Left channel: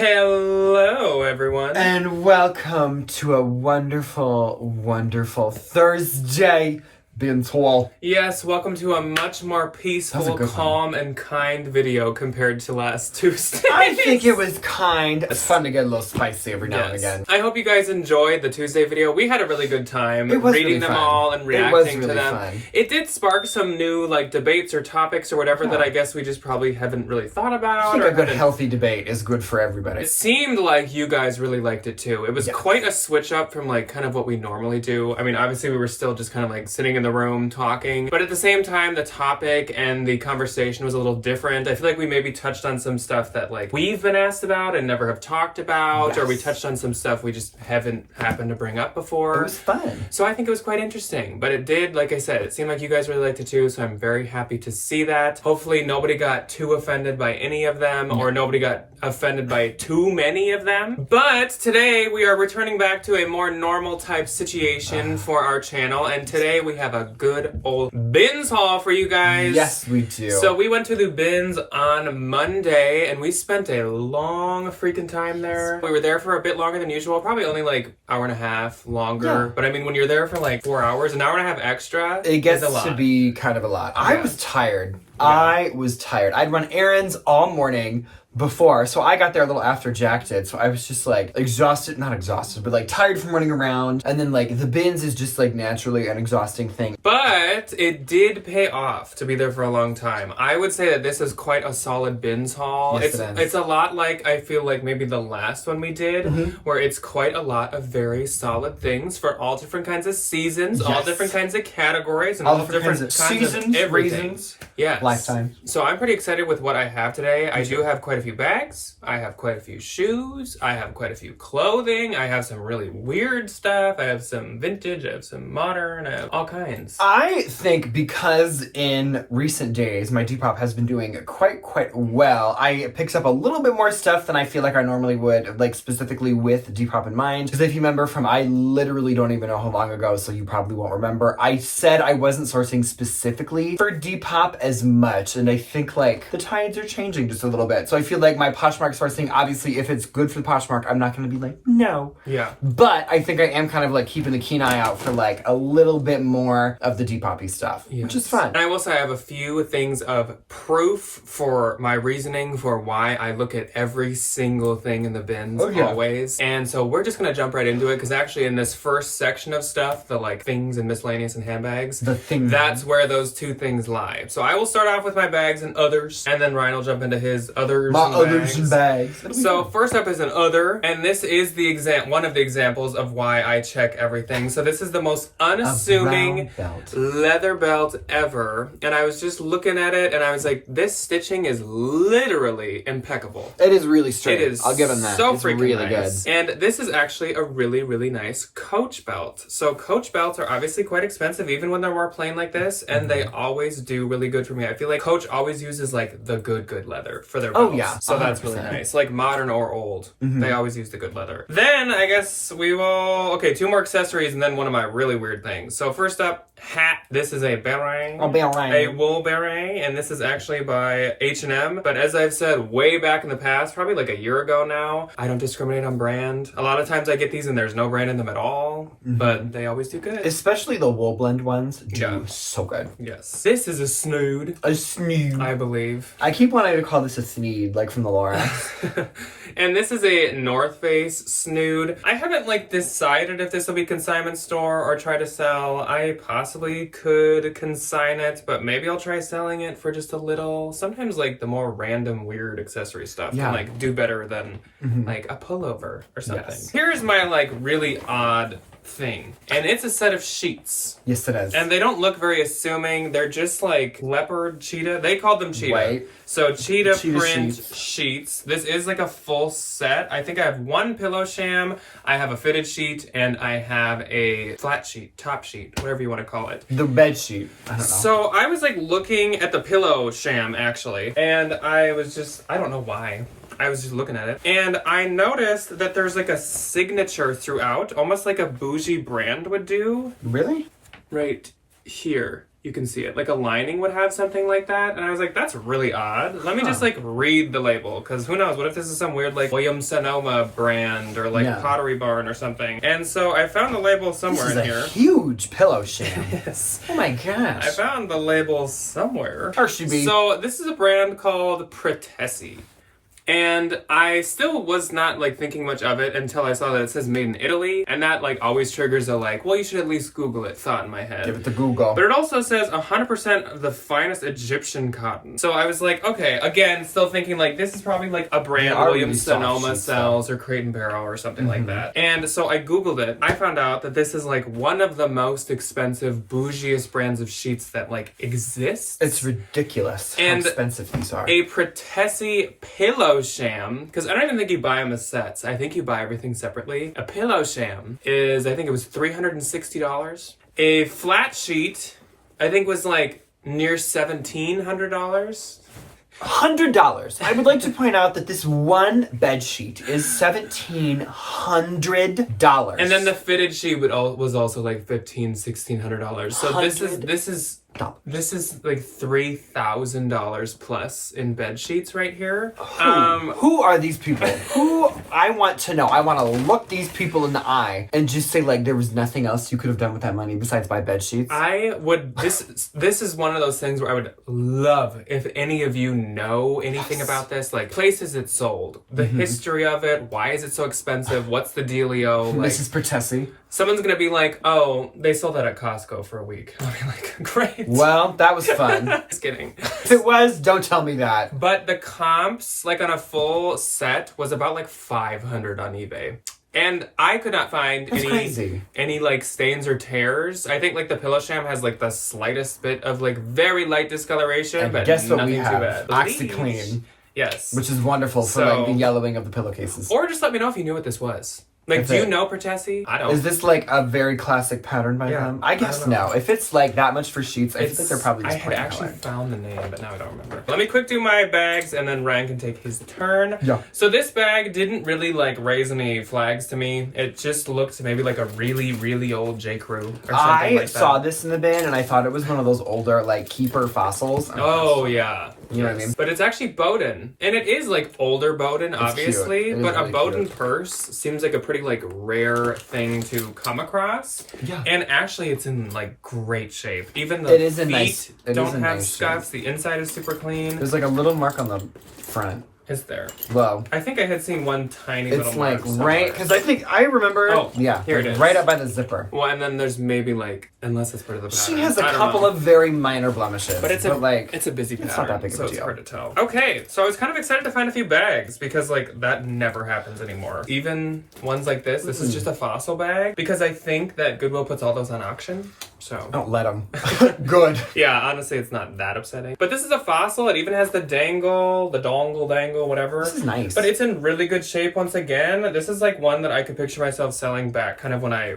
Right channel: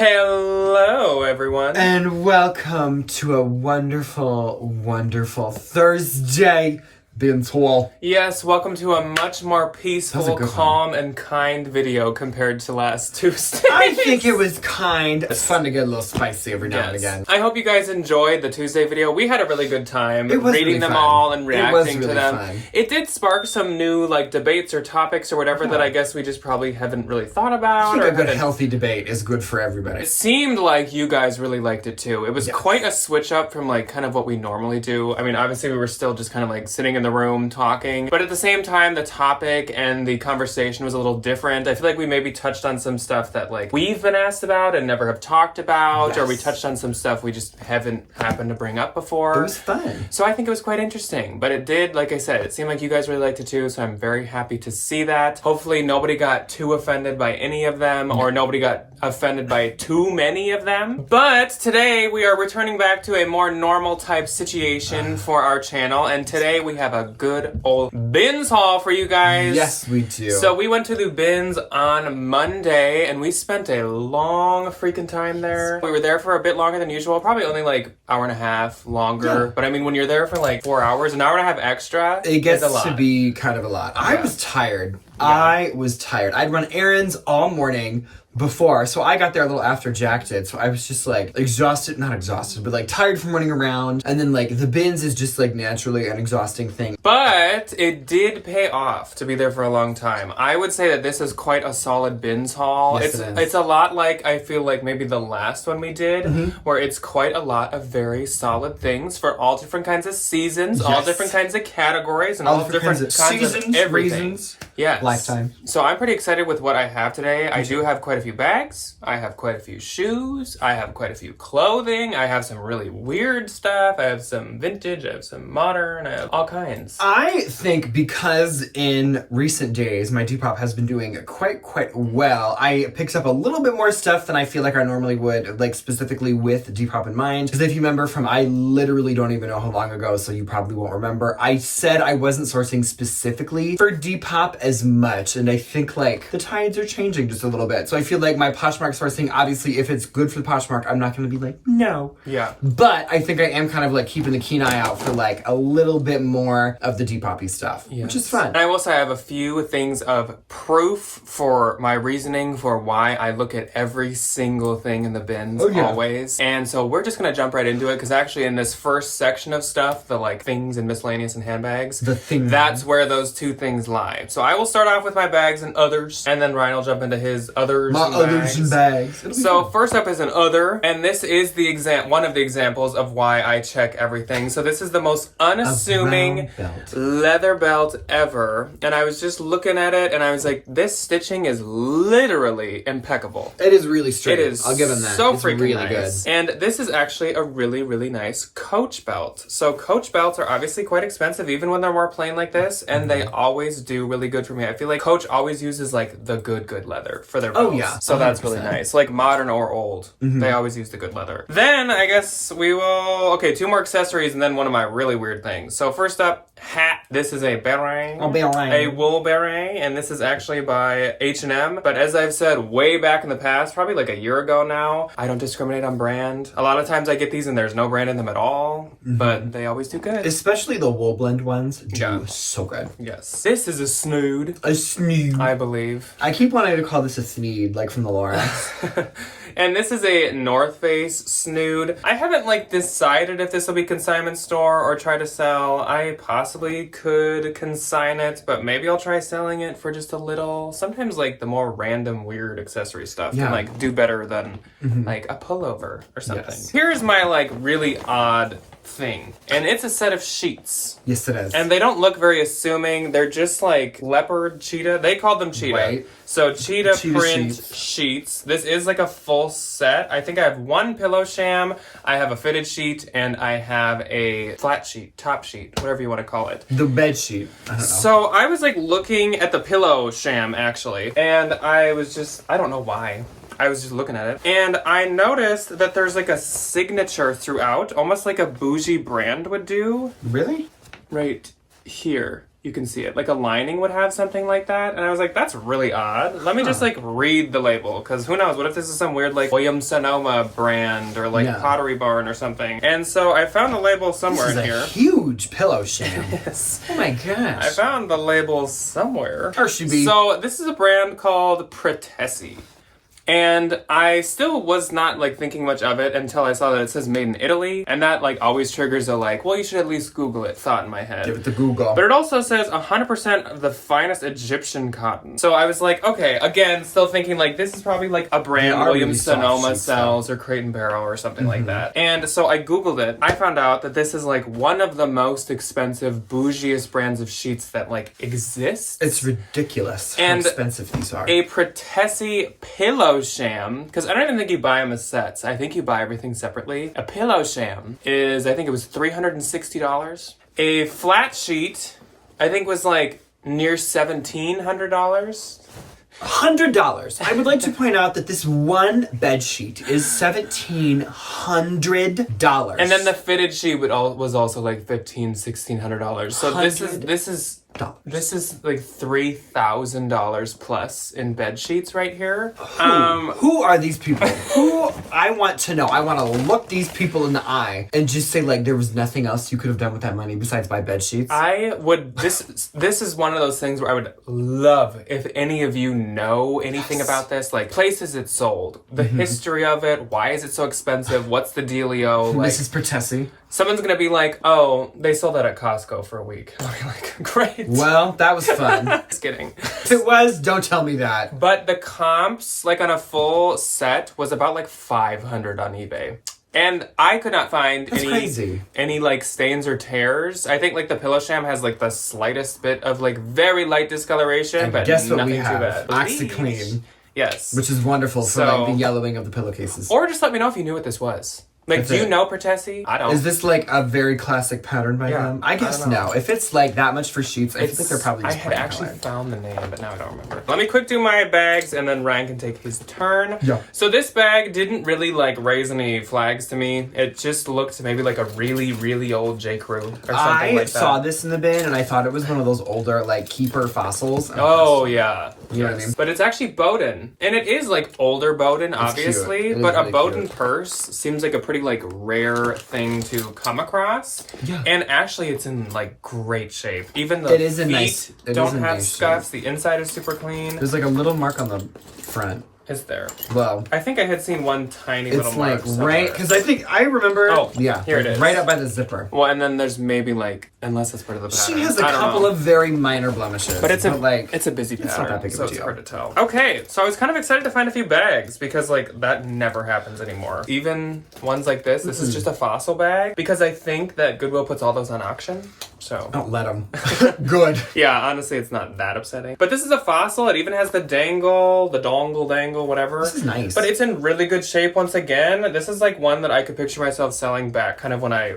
Hello, everyone. And welcome to a wonderful, wonderful Thursday binge haul. Yes, welcome to a much more peaceful, calm, and kind video compared to last Tuesday. I think it was kind. It's fun to get a little spicy every now and again. I hope you guys enjoyed the Tuesday video. We had a really good time reading really them all and reacting to them. Fun. It did spark some new debates or topics or whatever that I guess we just probably haven't really thought about. I think a good healthy debate is good for everybody. It seemed like you guys really liked it too. It was quite a switch up from kind of what we normally do. I mean, obviously we were still just kind of sitting in the room talking, but at the same time the topic and the conversation was a little different. I feel like we maybe touched on some stuff that we've been asked about and never have talked about, or we touched on some stuff we just haven't happened to bring up before. It was fun. So I think it was quite interesting, but it did, like I said, it seemed like you guys really liked it too, so I'm very happy to see that. Hopefully nobody got too offended by any of them, or nobody got offended by too many of them. But today we are returning back to a more normal type situation for our channel, and today we have a good old bins haul for you guys. Yes, we do. So we went to the bins on Monday, and we spent a long freaking time there. We were there for a bit longer than usual, probably only hour and a half longer. Yeah. But I mean, when you're there for 4 hours, an hour and a half extra, it gets to be kind of a lot. Yeah. I was tired. Yeah. I was tired. I'd run errands all morning before, so I got there a little after Jack did, so I was just exhausted, not exhausted, but tired from running around, and then the bins is just naturally an exhausting thing. But it did pay off to be there for a long time. I would say that this is quite a solid bins haul. Yes, it's a lot I feel maybe the last one we did, where it's quite a lot of very solid things for all different kinds of seasons, all different kinds of categories, and all different kinds of seasons, everything. Reasons, yes. Lifetime. So I'm pretty excited with what I have today. I do have quite a few bags, I have quite a few shoes, I have quite a few clothing, I have some really weird stuff, I have some vintage, I have some modern, I have all kinds. I think because in recent days my Depop has been doing quite well, I picked up a little bit more stuff than I feel like I normally would, specifically with Depop in mind. Because if you remember from, I literally don't even know how long ago, so you probably won't remember, I said I wasn't sourcing specifically for Depop as much, and I think the tides are changing just a little bit. So I feel like my Poshmark sourcing, obviously if it's good for the Poshmark, I'm not going to be no. Yeah. But I think I am kind of keeping the keen eye out for a little bit more of the Depop-y stuff, which is fun. And I will say I have a few things of proof for my reasoning for why I look at every single thing in the bins always. And so we're just going to jump right into it, because actually in this first section of stuff, the things and miscellaneous and handbags, that's where those two things lie. So I will start off with my bags and others, and then Ryan will jump into his others and bags. So first up is an other, and this is one of the examples of why I check everything. So this is the most unassuming leather belt ever, and I was just looking at it and I was like, this stitching is literally impeccable. It is really straight. It is. I'll give them that. So it's freaking really nice. good. And this is actually a really, really nice Coach belt. So Coach belts are obviously quite expensive, even when they're more plain like this, and they always do really good for me. I feel like Coach always uses the good leather for their belts. Oh yeah. So 100%. That's really nice. Modern or old, they always use the good leather. Then I guess we will, two more accessories and then one of my really weird things. So first up, hat. This is a beret. A wool beret, and this is actually by H&M. But as I've said way back in the past, probably a year ago now, I don't discriminate on brand. A lot of times I get these and there's no brand in them at all, but they always do good. Especially the wool blend ones do so good. Yes. This is a snood. A snood. I believe. I keep wanting to call this a sneed, from the Lorax. And this is a North Face snood. I haven't decided if this will be consignment store or try to sell. I possibly could consign it, but maybe I'll try selling it for just a little. Sometimes the more random weird accessory stuff can do better than a pullover or something. Yes. Here's my really odd thing, and it's a set of sheets. Yes, it is. And they don't look very assuming. They're just leopard cheetah. They called them cheetah. Right. So cheetah print sheets. This is a full set. I think I have one pillow sham, I have a fitted sheet, and I have a flat sheet, top sheet, whatever you want to call it. The bed sheet. I don't know. So I was looking at the pillow sham actually, and I was just, I don't know why. I was just looking at it, and I noticed that there's a signature throughout, almost like a bougie brand would do. Really? Right here. you can see it. Like a lining would have something like that. And I was like, that's really odd. Let me just like read the label. Because who knows? What if this is some weird like Williams-Sonoma brand or like Pottery Barn or something? And so I found the label somewhere in here. This is a huge pillow sham. Yes. Oh my gosh. I found the label somewhere. Or should be. So this is a brand called Pretessi. And I still was not like thinking much of it until I saw that it says made in Italy. And that like always triggers a like, well, you should at least Google it thought in my head. Give it to Google. But it also says 100% of the finest Egyptian cotton. So I was like, okay, again, still thinking like this is probably like a brand Williams-Sonoma sells or Crate and Barrel or something like that. And so I Googled it. I found out that this is like one of the most expensive, bougiest brands of sheets that like exist. It's ridiculous how expensive these are. A Pretessi pillow sham, because I don't even think you buy them as sets. I think you buy everything separately. A pillow sham is, I think it was $360. A flat sheet, I think was like near $1,700. $100. I would like to point out that this one bed sheet is $1,700. And then the fitted sheet was also like $1,500-$1,600. So this is like $3,000 plus in bed sheets right here. Who are these people? Who I want to know. I want to look these people in the eye and just say like there was nothing else you could have done with that money besides buy bed sheets. I would. This is one of those things where I would love if any of you know anything about this, like places it's sold, the history of it, why is it so expensive, what's the dealio? Like, this is Pretessi. Someone's gonna be like, oh, they sold that at Costco for a week. I'll be like, great. Well, that was fun. Just kidding. If it was, don't tell me that. But the comps, like on a full set, was about like $500 on eBay. And I could not find any like stains or tears. I think like the pillow sham has like the slightest bit of like very light discoloration, and but guess what we nothing have? Too bad. OxyClean. Yes. Which is wonderful for like the yellowing of the pillowcases. Or just let me know if you knew what this was. Like, do you know Pretessi? I don't. Is this like a very classic pattern by them? I guess no. If it's like that much for sheets, I think they're probably just plain I had actually found the name, but now I don't remember. Let me quick do my bags, and then Ryan can take his turn. Yeah. So this bag didn't really like raise any flags to me. It just looked maybe like a really, really old J. Crew or something like that. I saw this in the bin, and I thought it was one of those older like keeper fossils. Oh yeah. You know what I mean? But it's actually Bowden. And it is like older Bowden, obviously. But a Bowden purse seems like a pretty like rare thing to come across. Yeah. And actually it's in like great shape. Even the feet don't have scuffs. The inside is super clean. There's like a little mark on the front. Is there? Well, I think I had seen one tiny little mark. It's like right, because I remember. Oh, yeah, here it is. Right up by the zipper. Well, and then there's maybe like, unless it's part of the pattern. She has a couple of very minor blemishes, but it's a busy pattern. It's not that big of a deal. It's hard to tell. Okay, so I was kind of excited to find a few bags because like that never happens anymore. Even ones like this. This is just a fossil bag because I think that Goodwill puts all those on auction. So don't let them. Good. Yeah, honestly, it's not that upsetting. But this is a fossil. It even has the dongle, whatever. This is nice. But it's in really good shape once again. This is like one that I could picture myself selling back kind of when I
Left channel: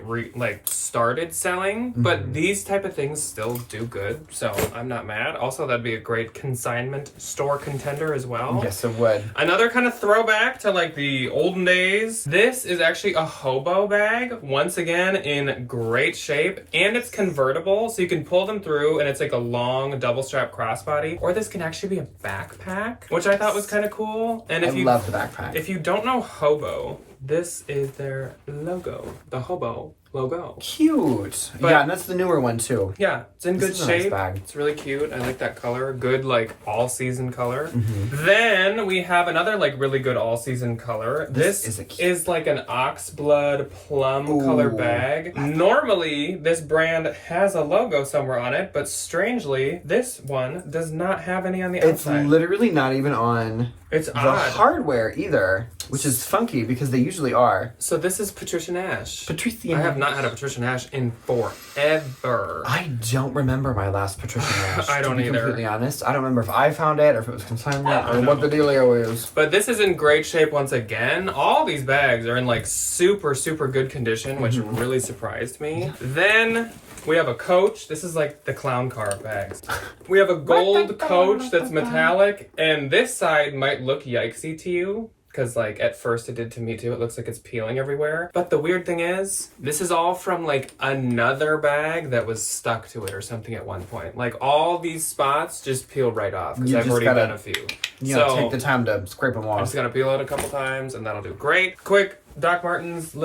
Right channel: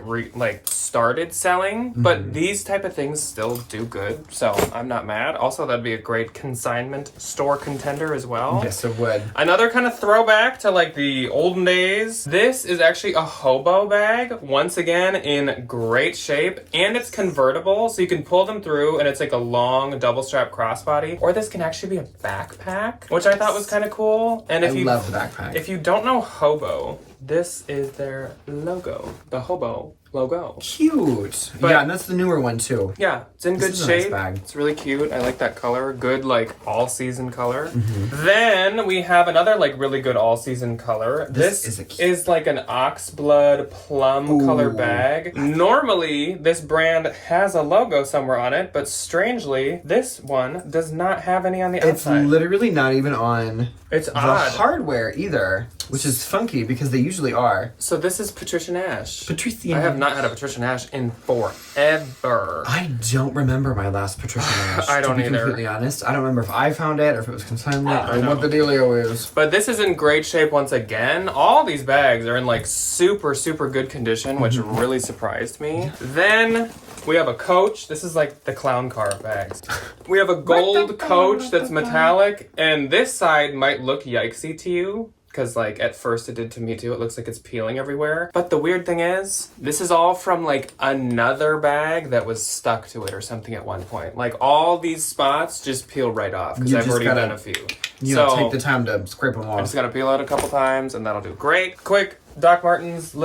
started selling. But these type of things still do good. So I'm not mad. Also, that'd be a great consignment store contender as well. Yes, it would. Another kind of throwback to like the olden days. This is actually a hobo bag. Once again, in great shape. And it's convertible. So you can pull them through and it's like a long double strap crossbody. Or this can actually be a backpack, which I thought was kind of cool. And if I love the backpack. If you don't know hobo, this is their logo. The hobo logo. Cute. Yeah, and that's the newer one too. Yeah, it's in good shape. Nice bag. It's really cute. I like that color. Good like all-season color. Then we have another like really good all-season color. This is like an oxblood plum color bag. Normally, this brand has a logo somewhere on it, but strangely, this one does not have any on the outside. It's literally not even on the hardware either, which is funky because they usually are. So this is Patricia Nash. Patricia. I have not had a Patricia Nash in forever. I don't remember my last Patricia Nash. I don't to be either. Completely honest, I don't remember if I found it or if it was consignment or what the dealio is. But this is in great shape once again. All these bags are in like super, super good condition, which really surprised me. Then we have a Coach. This is like the clown car bags. We have a gold Coach that's metallic, and this side might look yikesy to you. because like at first it did to me too. It looks like it's peeling everywhere. But the weird thing is, this is all from like another bag that was stuck to it or something at one point. Like all these spots just peel right off because I've already done a few. So take the time to scrape them off. I'm just gonna peel it a couple times and that'll do great. Quick, Doc Martens,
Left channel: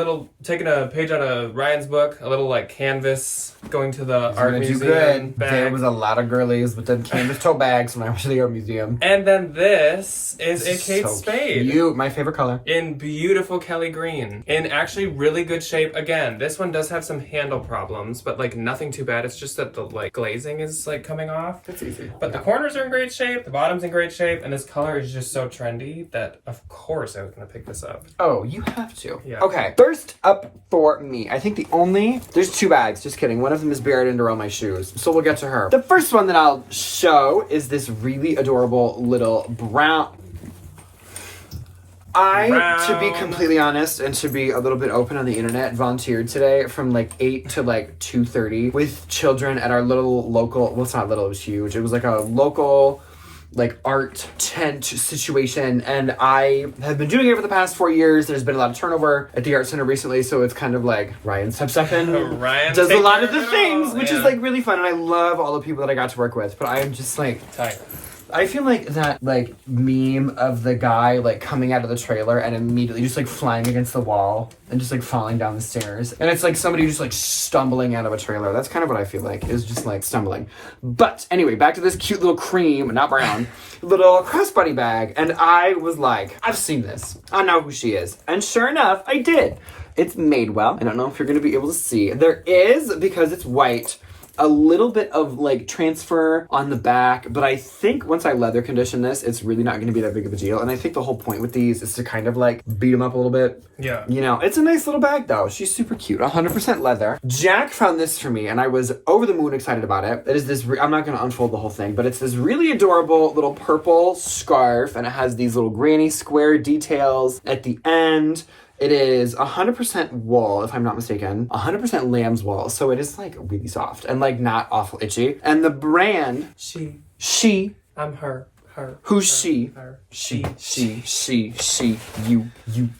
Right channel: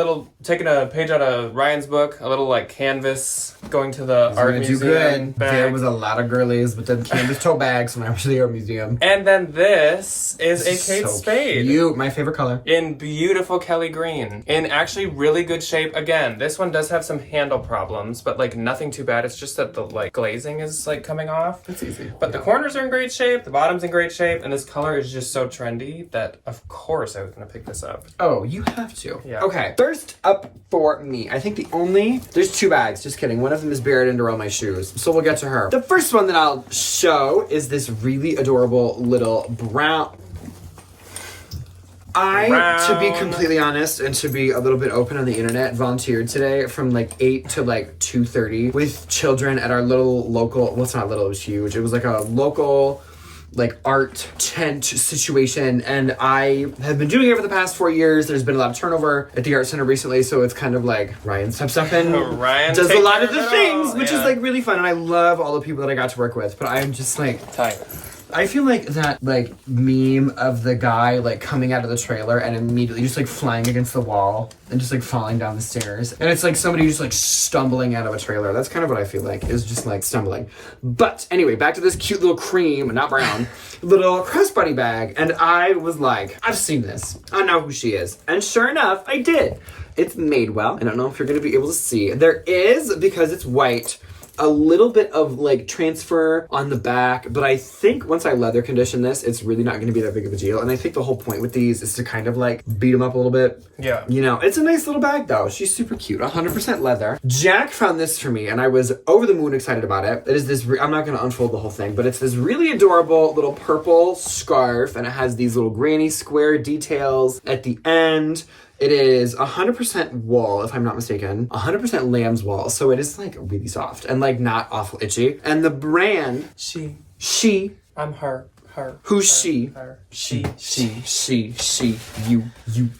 taking a page out of Ryan's book, a little like canvas, going to the art museum. Do good. Bag. There was a lot of girlies with them canvas tote bags when I went to the art museum. And then this is a Kate Spade. Cute. My favorite color. In beautiful Kelly green. In actually really good shape. Again, this one does have some handle problems, but like nothing too bad. It's just that the like glazing is like coming off. That's easy. But the corners are in great shape, the bottom's in great shape, and this color is just so trendy that of course I was gonna pick this up. Oh, you have to. Yeah. Okay, first up for me. I think there's 2 bags, just kidding. One of them is buried under all my shoes, so we'll get to her. The first one that I'll show is this really adorable little brown. To be completely honest and to be a little bit open on the internet, volunteered today from like 8 to like 2:30 with children at our little local, well, it's not little, it was huge. It was like a local like art tent situation, and I have been doing it for the past 4 years. There's been a lot of turnover at the art center recently, so it's kind of like Ryan steps up and does a lot of the things, which is like really fun, and I love all the people that I got to work with, but I'm just like tired. I feel like that like meme of the guy like coming out of the trailer and immediately just like flying against the wall and just like falling down the stairs, and it's like somebody just like stumbling out of a trailer. That's kind of what I feel like, is just like stumbling. But anyway, back to this cute little cream, not brown, little crossbody bag, and I was like, I've seen this, I know who she is, and sure enough I did. It's Madewell. I don't know if you're gonna be able to see. There is, because it's white, a little bit of like transfer on the back, but I think once I leather condition this, it's really not going to be that big of a deal. And I think the whole point with these is to kind of like beat them up a little bit. Yeah. You know, it's a nice little bag though. She's super cute. 100% leather. Jack found this for me and I was over the moon excited about it. It is this, I'm not going to unfold the whole thing, but it's this really adorable little purple scarf, and it has these little granny square details at the end. It is 100% wool, if I'm not mistaken. 100% lamb's wool, so it is like really soft and like not awful itchy. And the brand, she. I'm her. Who's she? Her. She, you.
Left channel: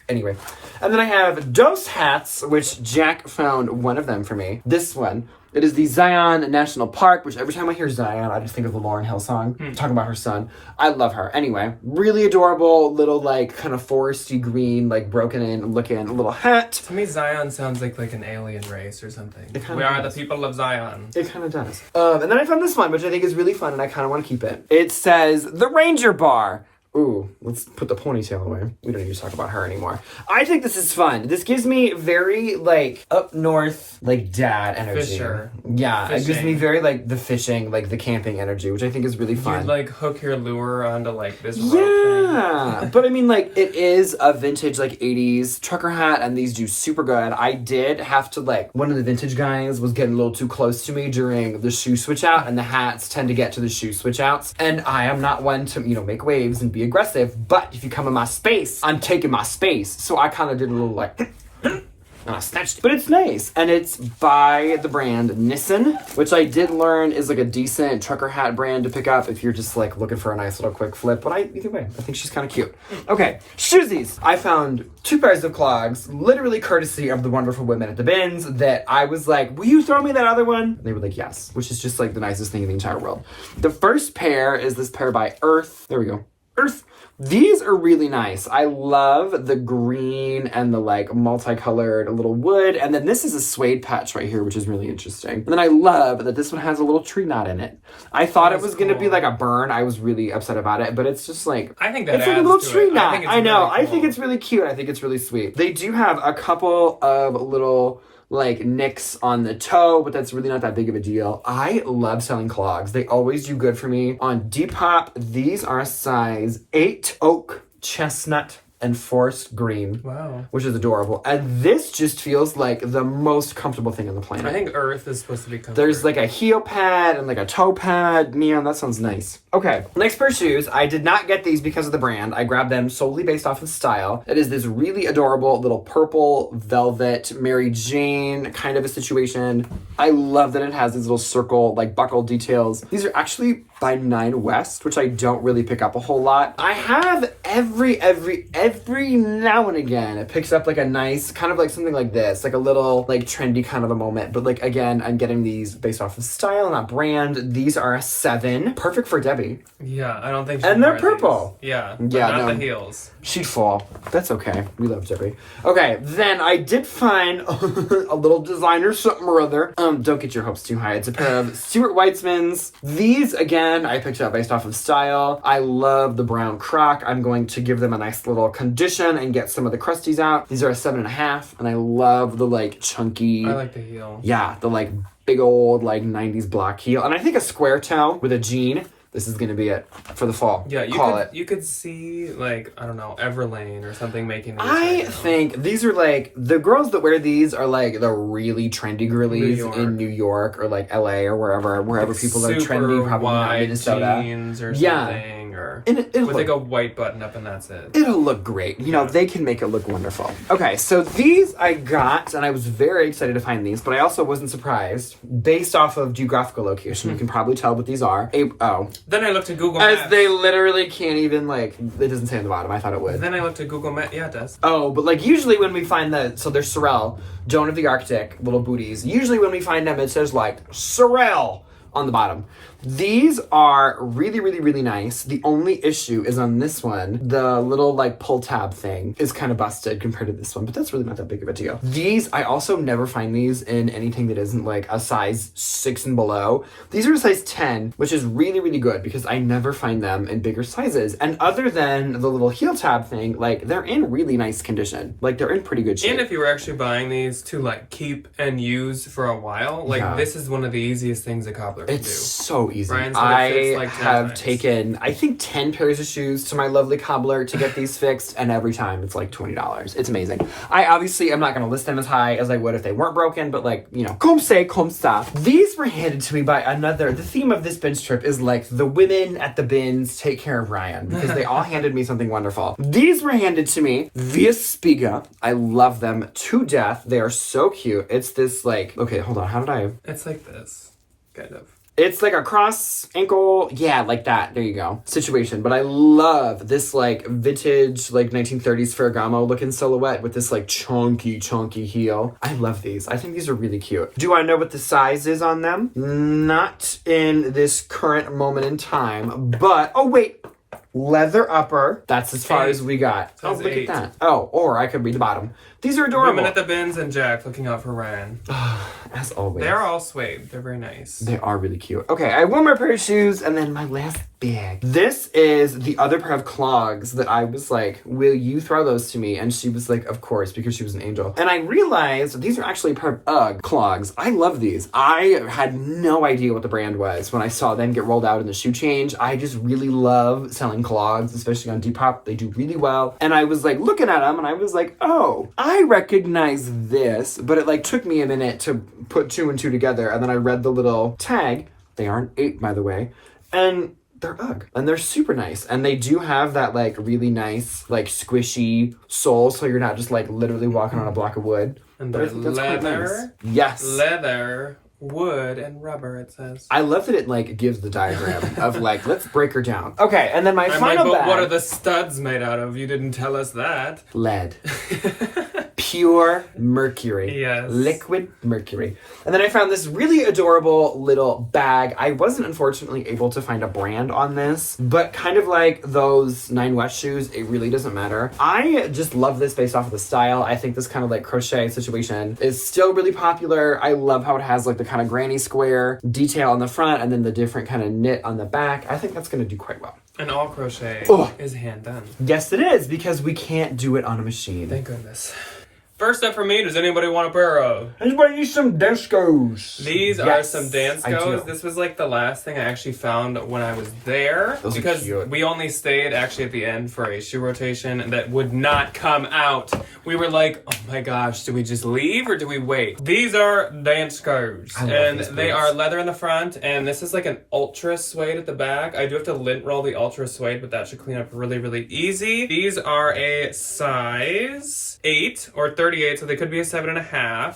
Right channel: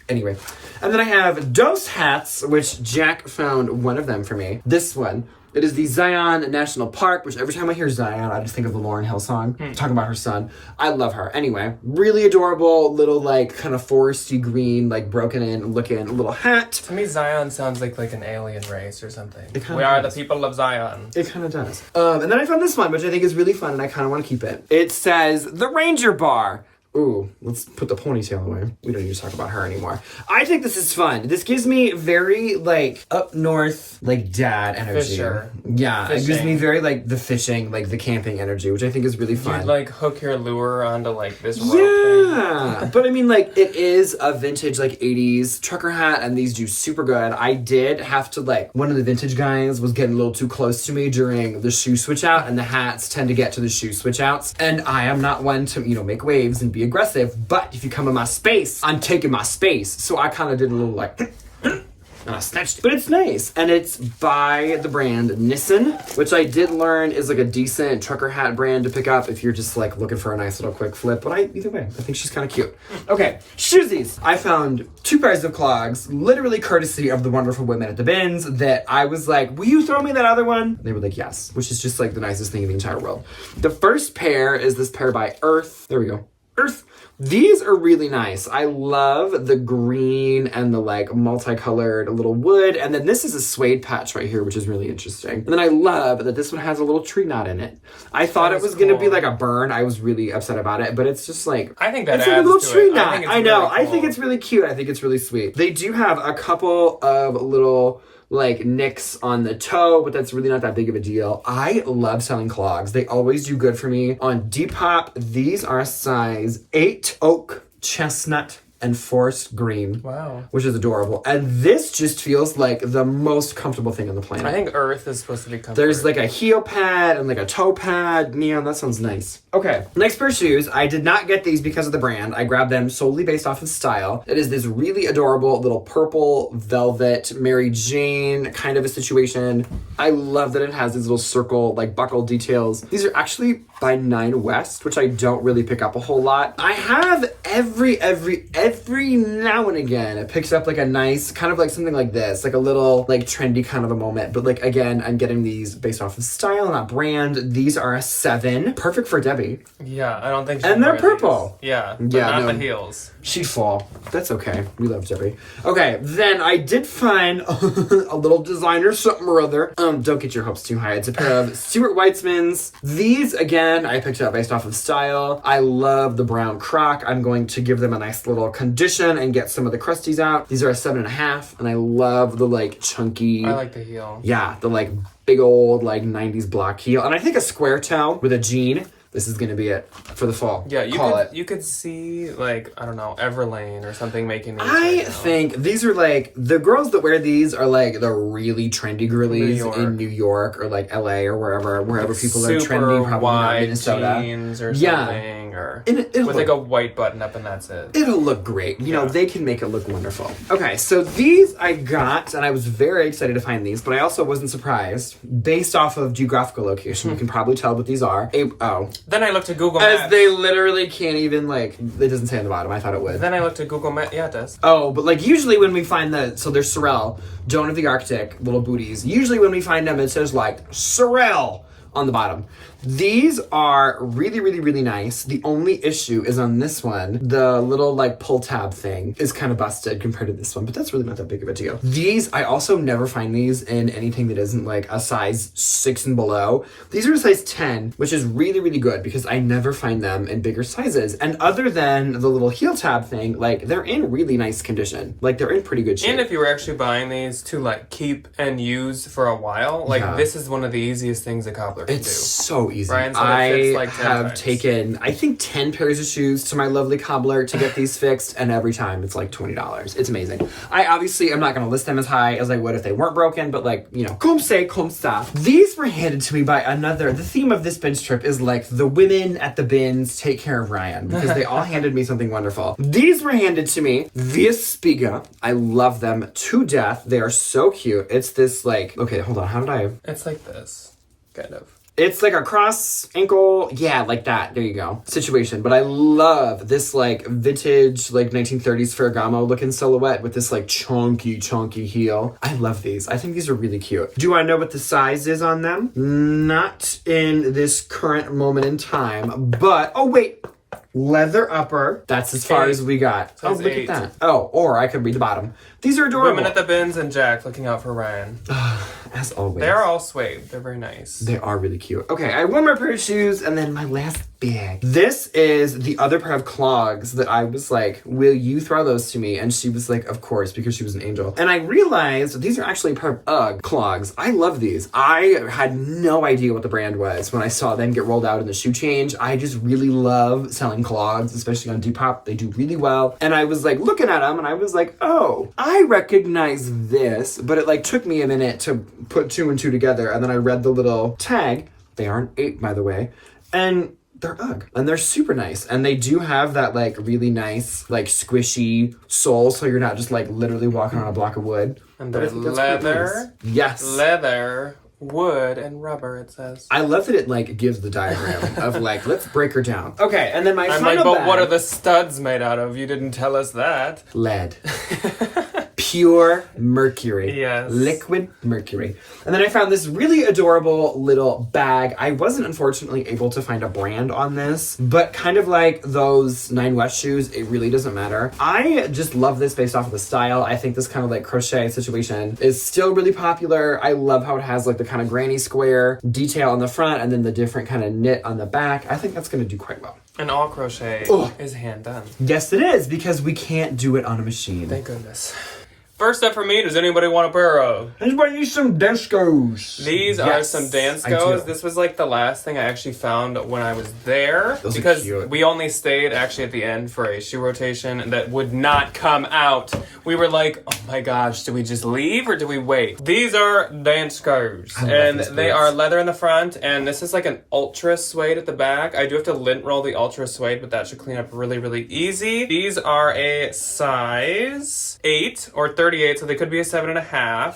Anyway. And then I have Dose hats, which Jack found one of them for me. This one. It is the Zion National Park, which every time I hear Zion, I just think of the Lauryn Hill song, talking about her son. I love her. Anyway, really adorable little, like, kind of foresty green, like, broken in looking little hat. To me, Zion sounds like an alien race or something. We are the people of Zion. It kind of does. And then I found this one, which I think is really fun, and I kind of want to keep it. It says, The Ranger Bar. Ooh, let's put the ponytail away. We don't need to talk about her anymore. I think this is fun. This gives me very, like, up north, like, dad energy. Fisher. Yeah, Fishing. It gives me very, like, the fishing, like, the camping energy, which I think is really fun. You'd, like, hook your lure onto, like, this rope thing. But, I mean, like, it is a vintage, like, 80s trucker hat, and these do super good. I did have to, like, one of the vintage guys was getting a little too close to me during the shoe switch out, and the hats tend to get to the shoe switch outs. And I am not one to, you know, make waves and be aggressive, but if you come in my space, I'm taking my space. So I kind of did a little like and I snatched, but it's nice. And it's by the brand Nissan, which I did learn is like a decent trucker hat brand to pick up if you're just like looking for a nice little quick flip. But either way, I think she's kind of cute. Okay, shoesies. I found 2 pairs of clogs, literally courtesy of the wonderful women at the bins, that I was like, will you throw me that other one? And they were like, yes, which is just like the nicest thing in the entire world. The first pair is this pair by Earth. There we go. Earth. These are really nice. I love the green and the like multicolored little wood. And then this is a suede patch right here, which is really interesting. And then I love that this one has a little tree knot in it. I thought it was going to be like a burn. I was really upset about it, but it's just like, I think that it's like a little tree knot. I know. Really cool. I think it's really cute. I think it's really sweet. They do have a couple of little like nicks on the toe, but that's really not that big of a deal. I love selling clogs. They always do good for me. On Depop, these are size 8 oak, chestnut, and forest green. Wow. Which is adorable. And this just feels like the most comfortable thing on the planet. I think Earth is supposed to be comfortable. There's like a heel pad and like a toe pad. Man, that sounds nice. Okay, next pair of shoes. I did not get these because of the brand. I grabbed them solely based off of style. It is this really adorable little purple velvet Mary Jane kind of a situation. I love that it has these little circle, like buckle details. These are actually by 9 West, which I don't really pick up a whole lot. I have every now and again, it picks up like a nice, kind of like something like this, like a little like trendy kind of a moment. But like, again, I'm getting these based off of style, not brand. These are a 7. Perfect for Debbie. Yeah, I don't think and they're purple. These. Yeah, but not the heels. She'd fall. That's okay. We love Debbie. Okay, then I did find a little designer something or other. Don't get your hopes too high. It's a pair of Stuart Weitzmans. These, again, I picked up based off of style. I love the brown croc. I'm going to give them a nice little condition and get some of the crusties out. These are a 7.5, and I love the like chunky. I like the heel. Yeah, the like big old like 90s block heel. And I think a square toe with a jean. This is going to be it for the fall. Yeah, you could see, like, I don't know, Everlane or something making these. I think these are, like, the girls that wear these are, like, the really trendy girlies in New York or, like, LA or wherever people are trendy, probably not Minnesota. Jeans or something, or with, like, a white button up and that's it. It'll look great. You know, they can make it look wonderful. Okay, so these I got, and I was very excited to find these, but I also wasn't surprised. Based off of geographical location, you can probably tell what these are. Then I looked at Google Maps. As they literally can't even, like, it doesn't say on the bottom. I thought it would. Then I looked at Google Maps. Yeah, it does. Oh, but, like, usually when we find so there's Sorel, Joan of the Arctic, little booties. Usually when we find them, it says, like, Sorel on the bottom. These are really, really, really nice. The only issue is on this one, the little like pull tab thing is kind of busted compared to this one, but that's really not that big of a deal. These, I also never find these in anything that isn't like a size 6 and below. These are a size 10, which is really, really good because I never find them in bigger sizes. And other than the little heel tab thing, like they're in really nice condition. Like they're in pretty good shape. And if you were actually buying these to like keep and use for a while, like this is one of the easiest things a cobbler can do. It's so easy. Ryan said I it fits like have taken, I think, 10 pairs of shoes to my lovely cobbler to get these fixed, and every time it's like $20. It's amazing. I obviously am not going to list them as high as I would if they weren't broken, but like, you know, comme ça. These were handed to me by the theme of this binge trip is like the women at the bins take care of Ryan, because they all handed me something wonderful. These were handed to me via Spiga. I love them to death. They are so cute. It's this like, okay, hold on, how did I? It's like this, kind of. It's like a cross ankle, yeah, like that, there you go, situation. But I love this like vintage, like 1930s Ferragamo looking silhouette with this like chunky heel. I love these. I think these are really cute. Do I know what the size is on them? Not in this current moment in time, but, oh wait, leather upper. That's as far as we got. Oh, look at that. Oh, or I could read the bottom. These are adorable. Women at the bins and Jack looking out for Ryan. As always. They're all suede. They're very nice. They are really cute. Okay, I have one more pair of shoes and then my last bag. This is the other pair of clogs that I was like, will you throw those to me? And she was like, of course, because she was an angel. And I realized these are actually a pair of UGG clogs. I love these. I had no idea what the brand was when I saw them get rolled out in the shoe change. I just really love selling clogs, especially on Depop. They do really well. And I was like looking at them and I was like, oh, I recognize this, but it like took me a minute to put 2 and 2 together. And then I read the little tag. They aren't 8, by the way. And they're UGG. And they're super nice. And they do have that like really nice, like squishy sole. So you're not just like literally walking on a block of wood. And they're leather. Nice. Yes. Leather, wood, and rubber, it says. I love that it like gives the diagram of like, let's break her down. Okay, and then my final but bag. What are the studs made out of? You didn't tell us that. Lead. Pure mercury. Yes. Liquid mercury. And then I found this really adorable little bag. I wasn't unfortunately able to find a brand on this, but kind of like those 9 West shoes, it really doesn't matter. I just love this based off of the style. I think this kind of like crochet situation is still really popular. I love how it has like the kind of granny square detail on the front and then the different kind of knit on the back. I think that's going to do quite well. And all crochet is hand done. Yes, it is, because we can't do it on a machine. Thank goodness. First up for me, does anybody want a pair of? Anybody need some Danskos? These are some Danskos. This was like the last thing I actually found when I was there. Those because are cute. We only stayed actually at the end for a shoe rotation that would not come out. We were like, oh my gosh, do we just leave or do we wait? These are Danskos. And they are leather in the front. And this is like an ultra suede at the back. I do have to lint roll the ultra suede, but that should clean up really, really easy. These are a size 8 or 38, so they could be a 7.5.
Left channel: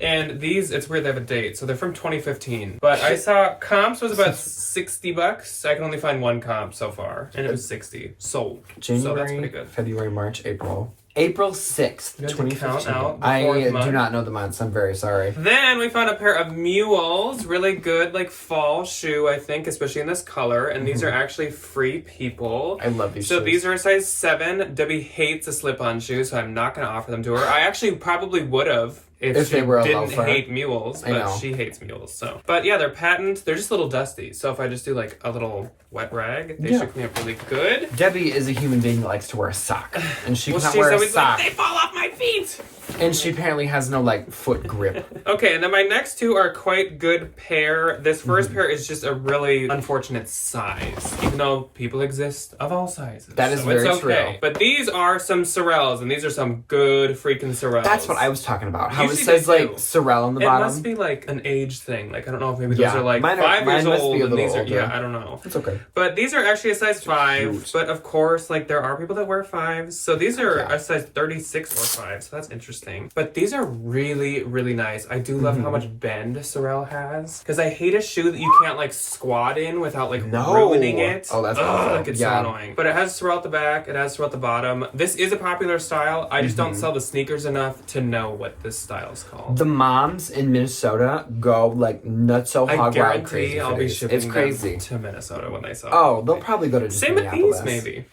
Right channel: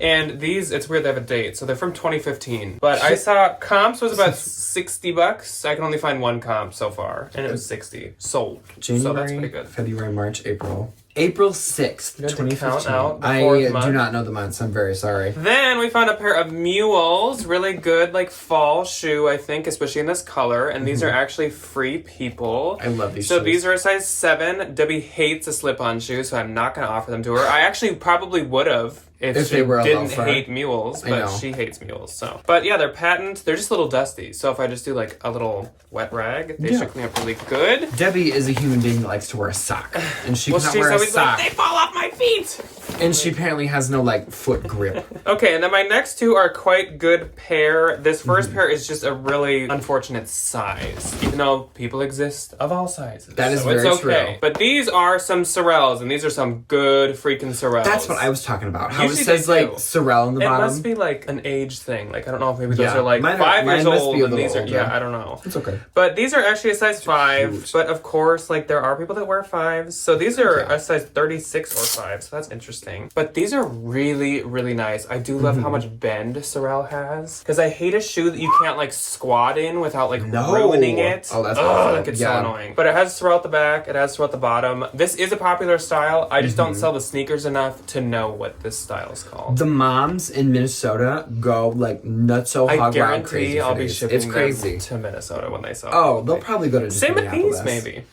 And these, it's weird they have a date, so they're from 2015. But I saw comps was about $60. I can only find one comp so far, and it was 60 sold. January, so that's pretty good. February, March, April. April 6th, 2015. Out I do not know the months. I'm very sorry. Then we found a pair of mules. Really good, like, fall shoe, I think, especially in this color. And these are actually Free People. I love these So shoes. these are a size 7. Debbie hates a slip-on shoe, so I'm not going to offer them to her. I actually probably would have. If she they were didn't hate mules, but she hates mules. So, but yeah, they're patent. They're just a little dusty. So if I just do like a little wet rag, they should clean up really good. Debbie is a human being that likes to wear a sock, and she cannot wear a sock. Like, they fall off my feet. And she apparently has no like foot grip. Okay, and then my next two are quite good pair. This first pair is just a really unfortunate size, even though people exist of all sizes. That is very true. But these are some Sorels, and these are some good freaking Sorels. That's what I was talking about. How Usually it says they like do. Sorel on the bottom. It must be like an age thing. Like I don't know if maybe those are like mine 5 years must old, be a and little these are older. yeah, I don't know. It's okay. But these are actually a size 5. Cute. But of course, like there are people that wear 5s, so these are a size 36 or 5. So that's interesting. But these are really, really nice. I do love how much bend Sorel has, because I hate a shoe that you can't like squat in without like ruining it. Oh, that's awful. Like it's so annoying. But it has Sorel at the back. It has Sorel at the bottom. This is a popular style. I just don't sell the sneakers enough to know what this style is called. The moms in Minnesota go like nutso hog wild crazy. I'll be shipping it's crazy them to Minnesota when they sell. Oh, they'll probably go to Same with these, maybe.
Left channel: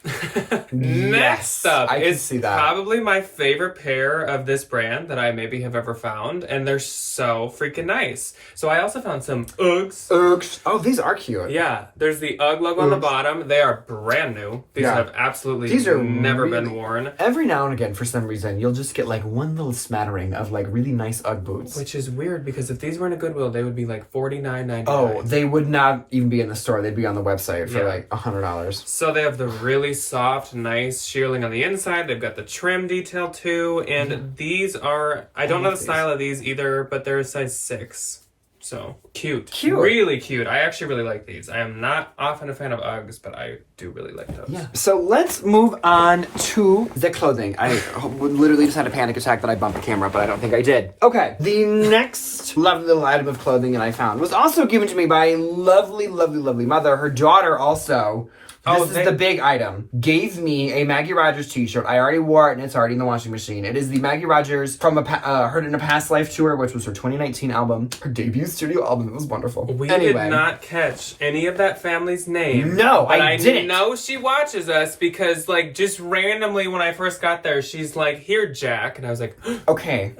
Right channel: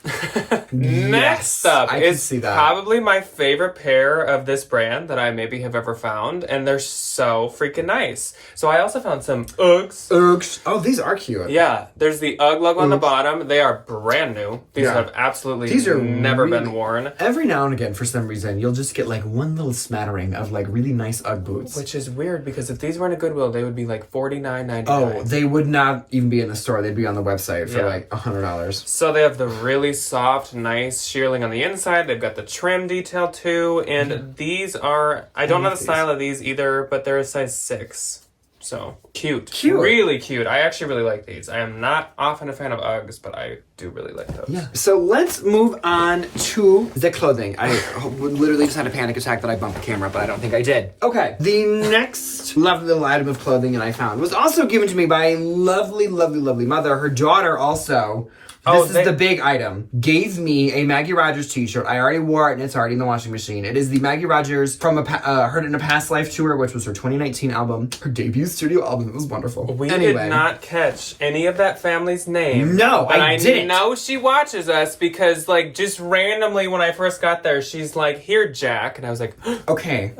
Next up I is see that. probably my favorite pair of this brand that I maybe have ever found, and they're so freaking nice. So I also found some Uggs. Oh, these are cute. Yeah, there's the Ugg logo on the bottom. They are brand new. These have absolutely never been worn. Every now and again, for some reason, you'll just get like one little smattering of like really nice Ugg boots. Which is weird, because if these were in a Goodwill, they would be like $49.99. Oh, they would not even be in the store. They'd be on the website for like $100. So they have the really soft, nice shearling on the inside. They've got the trim detail too. And these are, I don't know the style of these either, but they're a size 6. So cute. Really cute. I actually really like these. I am not often a fan of Uggs, but I do really like those. Yeah. So let's move on to the clothing. I literally just had a panic attack that I bumped the camera, but I don't think I did. Okay. The next lovely little item of clothing that I found was also given to me by a lovely, lovely, lovely mother. Her daughter also. This is the big item. Gave me a Maggie Rogers t-shirt. I already wore it and it's already in the washing machine. It is the Maggie Rogers from Heard in a Past Life tour, which was her 2019 album. Her debut studio album. It was wonderful. We did not catch any of that family's name. No, but I didn't. Know she watches us because, like, just randomly when I first got there, she's like, "Here, Jack," and I was like, "Okay."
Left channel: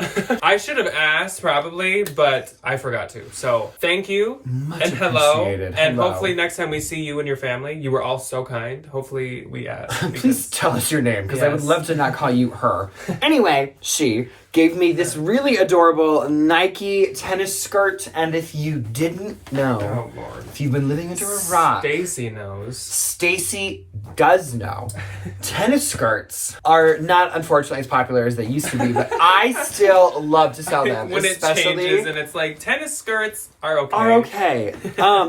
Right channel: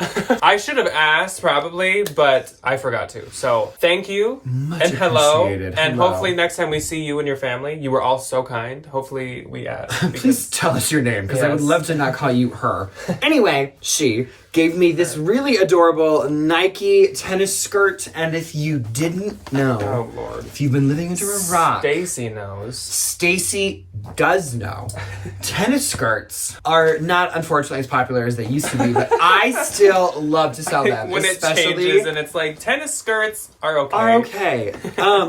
I should have asked probably, but I forgot to. So thank you Much and hello, appreciated. and Hello. hopefully next time we see you and your family, you were all so kind. Hopefully we Please tell us your name, because I would love to not call you her. Anyway, she gave me this really adorable Nike tennis skirt, and if you didn't know, if you've been living under a rock, Stacy knows. Stacy does know. Tennis skirts are not, unfortunately, as popular as they used to be, but I still love to sell them. When it changes and it's like, tennis skirts are okay.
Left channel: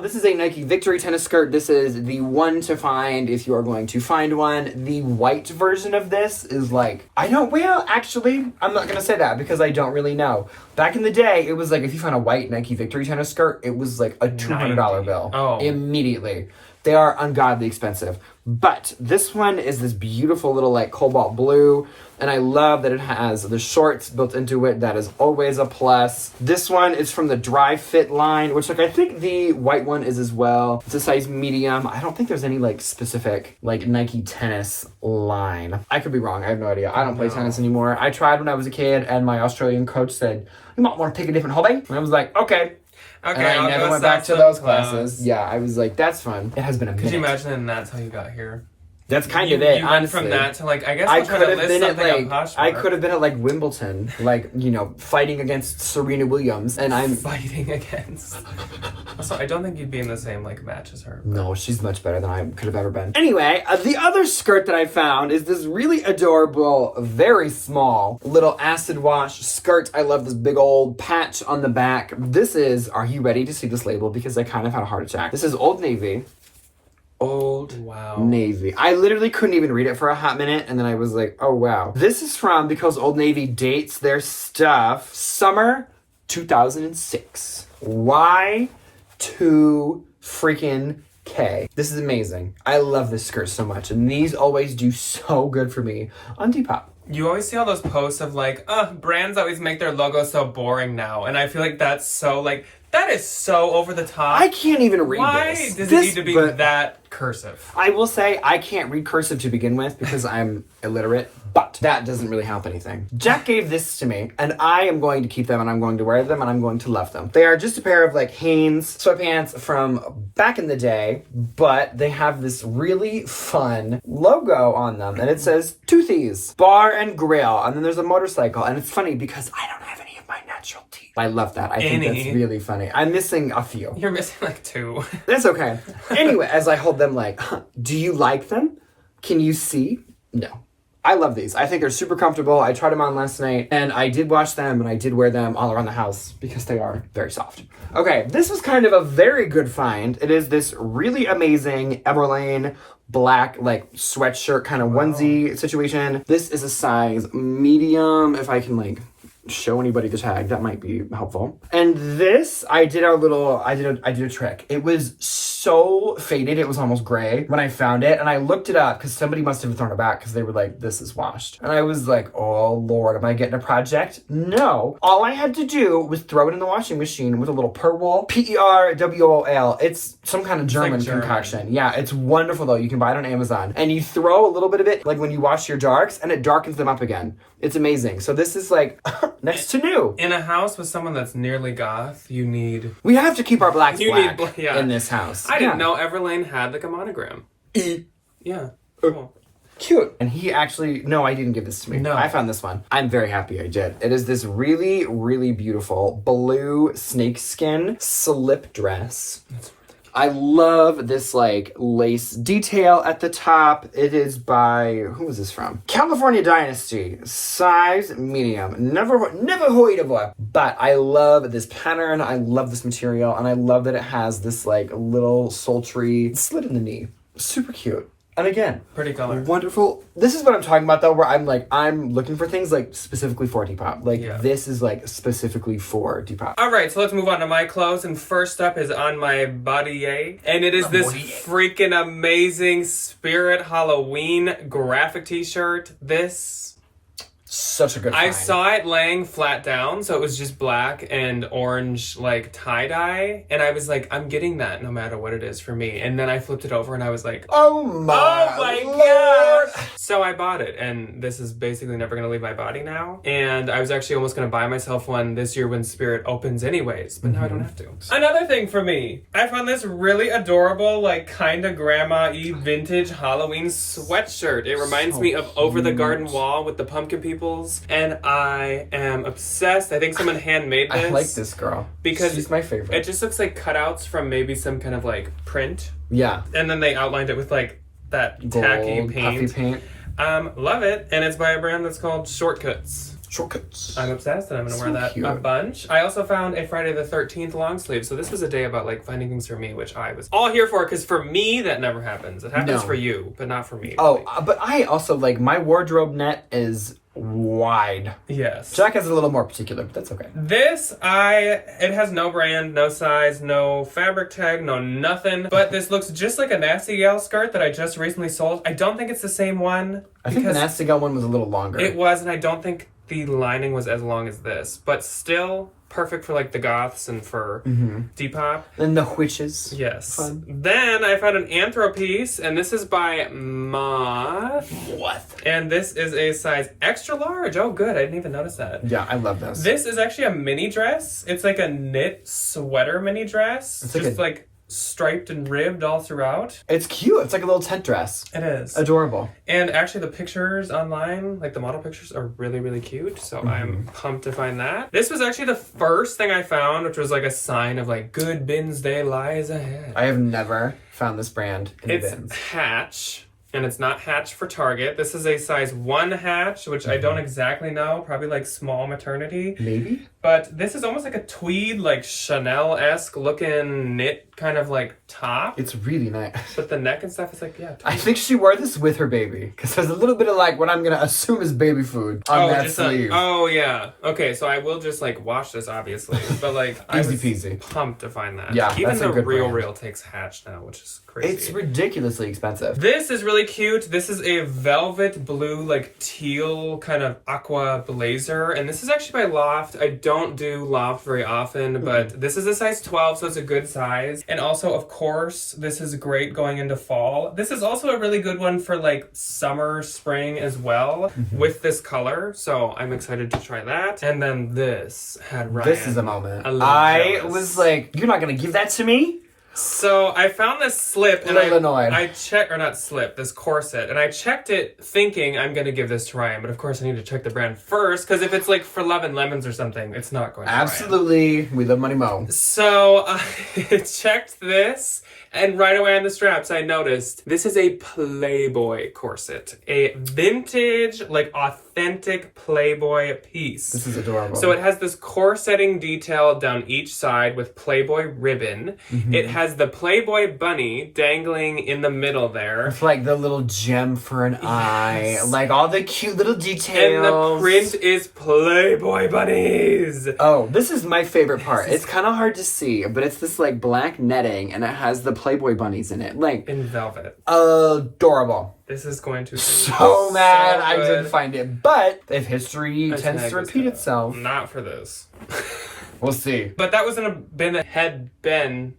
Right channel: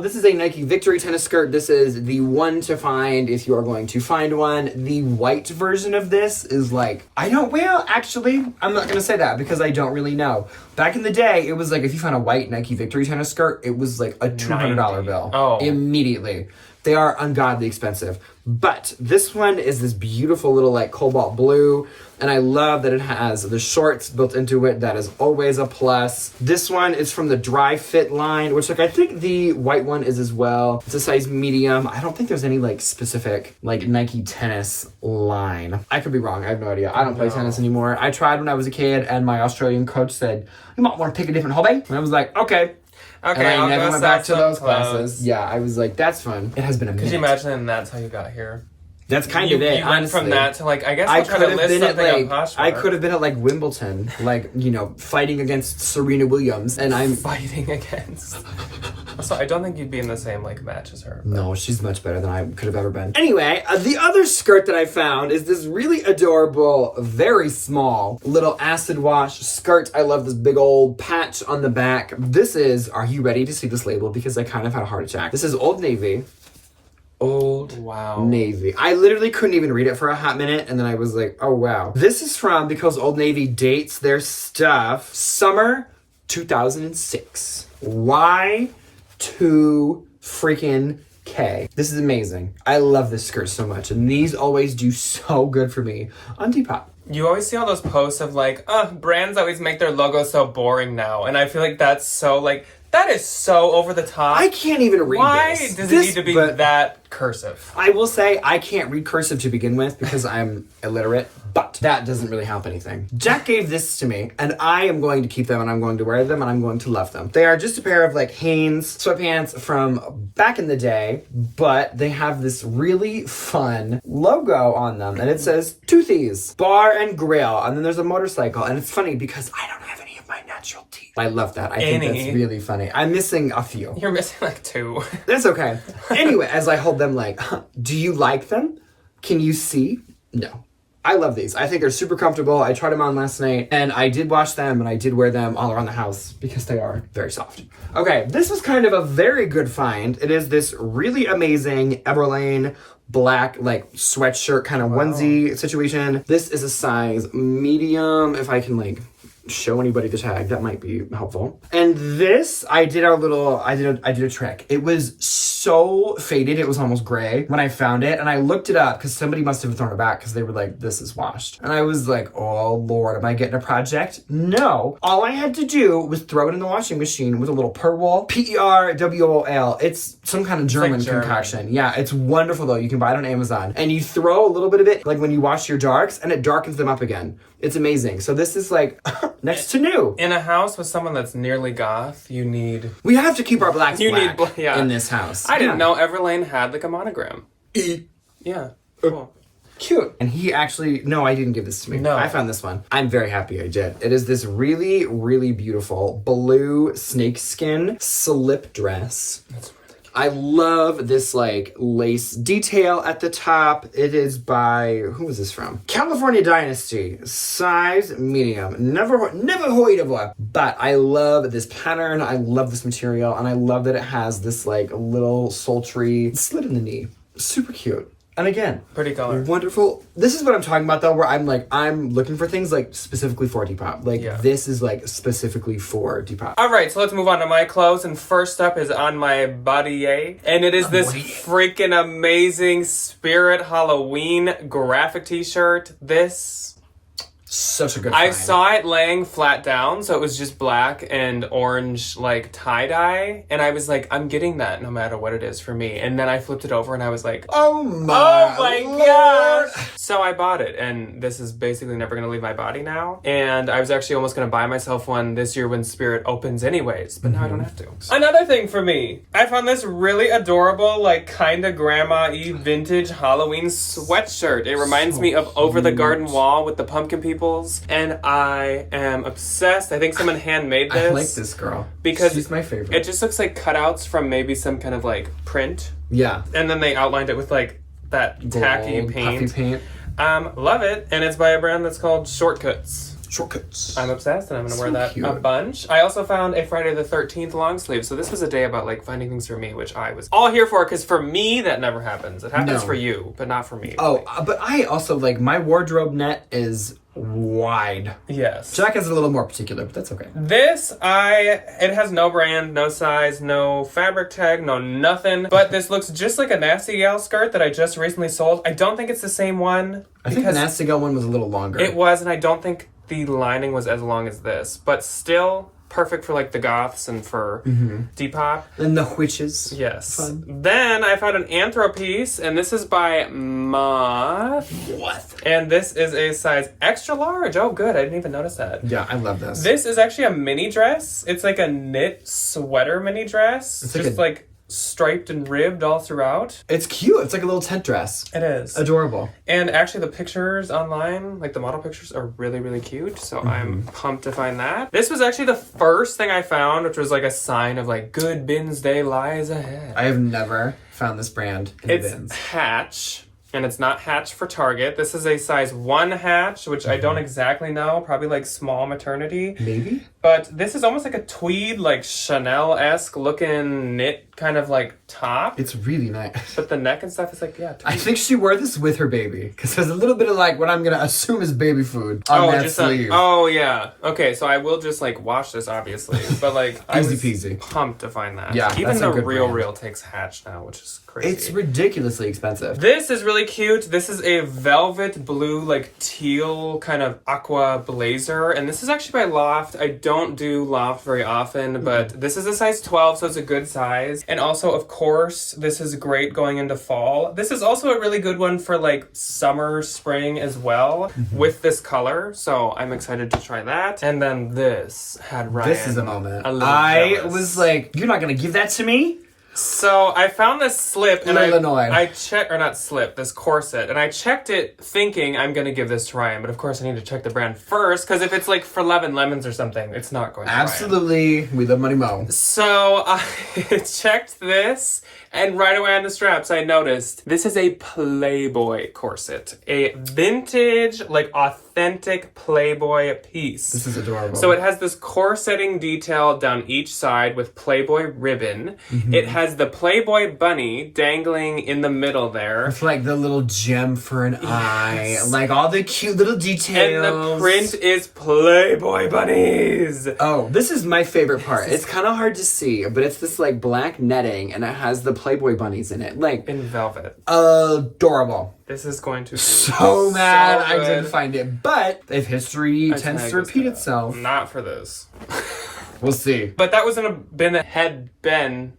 This is a Nike Victory tennis skirt. This is the one to find if you are going to find one. The white version of this is like, actually, I'm not going to say that because I don't really know. Back in the day, it was like, if you found a white Nike Victory tennis skirt, it was like a $200 bill. Oh. Immediately. They are ungodly expensive. But this one is this beautiful little like cobalt blue. And I love that it has the shorts built into it. That is always a plus. This one is from the Dry Fit line, which like I think the white one is as well. It's a size medium. I don't think there's any like specific like Nike tennis line. I could be wrong. I have no idea. I don't play tennis anymore. I tried when I was a kid and my Australian coach said, "You might want to pick a different hobby." And I was like, okay. And I never went back to those classes. Yeah, I was like, that's fun. It has been amazing. Could you imagine that's how you got here? That's kind of it, you went from that to like, I guess I'll try to list something on Poshmark. I could have been at like Wimbledon, like, you know, fighting against Serena Williams, and I'm... Fighting against... So I don't think you'd be in the same like match as her. But... No, she's much better than I could have ever been. Anyway, the other skirt that I found is this really adorable, very small, little acid wash skirt. I love this big old patch on the back. This is, are you ready to see this label? Because I kind of had a heart attack. This is Old Navy. Old Navy. I literally couldn't even read it for a hot minute, and then I was like, oh wow. This is from, because Old Navy dates their stuff, summer 2006. Y2 freaking K. This is amazing. I love this skirt so much, and these always do so good for me on Depop. You always see all those posts of like, brands always make their logo so boring now, and I feel like that's so like, that is so over the top. I can't even read Why this. Does it need to be that cursive? I will say I can't read cursive to begin with because I'm illiterate, but that doesn't really help anything. Jack gave this to me, and I am going to keep them, and I'm going to wear them, and I'm going to love them. They are just a pair of like Hanes sweatpants from back in the day, but they have this really fun logo on them, and it says Toothies, Bar and Grill, and then there's a motorcycle, and it's funny because I don't have any of my natural teeth. I love that. I think that's really funny. I'm missing a few. You're missing like 2. That's okay. Anyway, as I hold them like, do you like them? Can you see? No. I love these. I think they're super comfortable. I tried them on last night, and I did wash them, and I did wear them all around the house because they are very soft. Okay, this was kind of a very good find. It is this really amazing Everlane black like sweatshirt kind of onesie situation. This is a size medium. If I can like show anybody the tag, that might be helpful. And this, I did a trick. It was so faded, it was almost gray when I found it, and I looked it up because somebody must have thrown it back because they were like, this is washed. And I was like, oh Lord, am I getting a project? No. All I had to do was throw it in the washing machine with a little Perwool, Perwool. It's some kind of German concoction. Yeah, it's wonderful though. You can buy it on Amazon. And you throw a little bit of it like when you wash your darks, and it darkens them up again. It's amazing. So this is like next to new. In a house with someone that's nearly goth, we have to keep our blacks black in this house. I didn't know Everlane had like a monogram. Yeah. Cool. Cute. And he actually, no, I didn't give this to me. No. I found this one. I'm very happy I did. It is this really, really beautiful blue snakeskin slip dress. That's I love this like lace detail at the top. It is by, who is this from? California Dynasty, size medium. Never heard of it. But I love this pattern. I love this material, and I love that it has this like little sultry slit in the knee. Super cute. And again, pretty color. Wonderful. This is what I'm talking about though, where I'm looking for things like specifically for Depop. Like this is like specifically for Depop. All right, so let's move on to my clothes. And first up is on my body, and it is this freaking amazing Spirit Halloween graphic t-shirt. Such a good find. I saw it laying flat down, so it was just black and orange, like, tie-dye. And I was like, I'm getting that no matter what it is for me. And then I flipped it over, and I was like, oh my gosh! So I bought it, and this is basically never going to leave my body now. And I was actually almost going to buy myself one this year when Spirit opens anyways, but now I don't have to. Another thing for me, I found this really adorable, like, kind of grandma-y vintage Halloween sweatshirt. It reminds me of Over the Garden Wall with the pumpkin people. And I am obsessed. I think someone handmade this. I like this girl. Because she's my favorite. It just looks like cutouts from maybe some kind of like print. Yeah. And then they outlined it with like that gold, tacky paint. Puffy paint. Love it. And it's by a brand that's called Shortcuts. I'm obsessed, and I'm going to wear that a bunch. I also found a Friday the 13th long sleeve. So this was a day about like finding things for me, which I was all here for, because for me, that never happens. It happens for you, but not for me. Oh, but I also like my wardrobe net is wide. Yes. Jack is a little more particular, but that's okay. This, it has no brand, no size, no fabric tag, no nothing. But this looks just like a Nasty Gal skirt that I just recently sold. I don't think it's the same one. I think the Nasty Gal one was a little longer. It was, and I don't think the lining was as long as this. But still perfect for like the goths and for Depop. And the witches. Yes. Fun. Then I found an Anthro piece, and this is by Moth. What? And this is a size extra large. Oh, good. I didn't even notice that. Yeah, I love this. This is actually a mini dress. It's like a knit sweater mini dress. It's just like striped and ribbed all throughout. It's cute. It's like a little tent dress. It is. Adorable. And actually the pictures online, like the model pictures, are really, really cute. So I'm pumped to find that. This was actually the first thing I found, which was like a sign of like good bins day lies ahead. I have never found this brand in It's bins. Hatch. And it's not Hatch for Target. This is a size 1 Hatch, which I don't exactly know. Probably like small maternity. Maybe? But this is almost like a tweed, like Chanel-esque looking knit kind of like top. It's really nice. But the neck and stuff is like, yeah, tweed. I think she wore this with her baby. Because there's a little bit of like what I'm going to assume is baby food on that sleeve. Oh, yeah. Okay, so I will just like wash this, obviously. But like, I was peasy. Pumped to find that. Yeah, even that's a the good Real brand. Real takes Hatch now, which is crazy. It's ridiculously expensive. This is really cute. This is a velvet blue, like teal kind of aqua blazer. And this is actually by Loft. I don't do Loft very often, but this is a size 12, so it's a good size. And also, of course, this is great going into fall. This is also a really good one for like summer, spring as well with this color. So I'm excited to try that. And then this had Ryan. This is a moment. I I was like, you're not going to give that to me? So I found this slip and Illinois. I checked, or not slip, this corset, and I checked it thinking I'm going to give this to Ryan, but of course I need to check the brand first, because if it's like for 11 lemons or something, it's not going to Absolutely. Ryan. We love Money Mo. So I checked this, and right away on the straps I noticed this is a Playboy corset. A vintage, like authentic Playboy piece. This is adorable. So it has this corsetting detail down each side with Playboy ribbon. It has the Playboy bunny dangling in the middle there. It's like the little gem for an eye. Like all the cute little details. And the print is Playboy bunnies. Oh, this is my favorite part. It's kind of hard to see, but it's this like black netting and it has the Playboy bunnies in it. Like, In velvet. adorable. This is going to be So mad I good. didn't find it. But if history tends to repeat itself, Not for this. we'll see. But that was in a bin that had been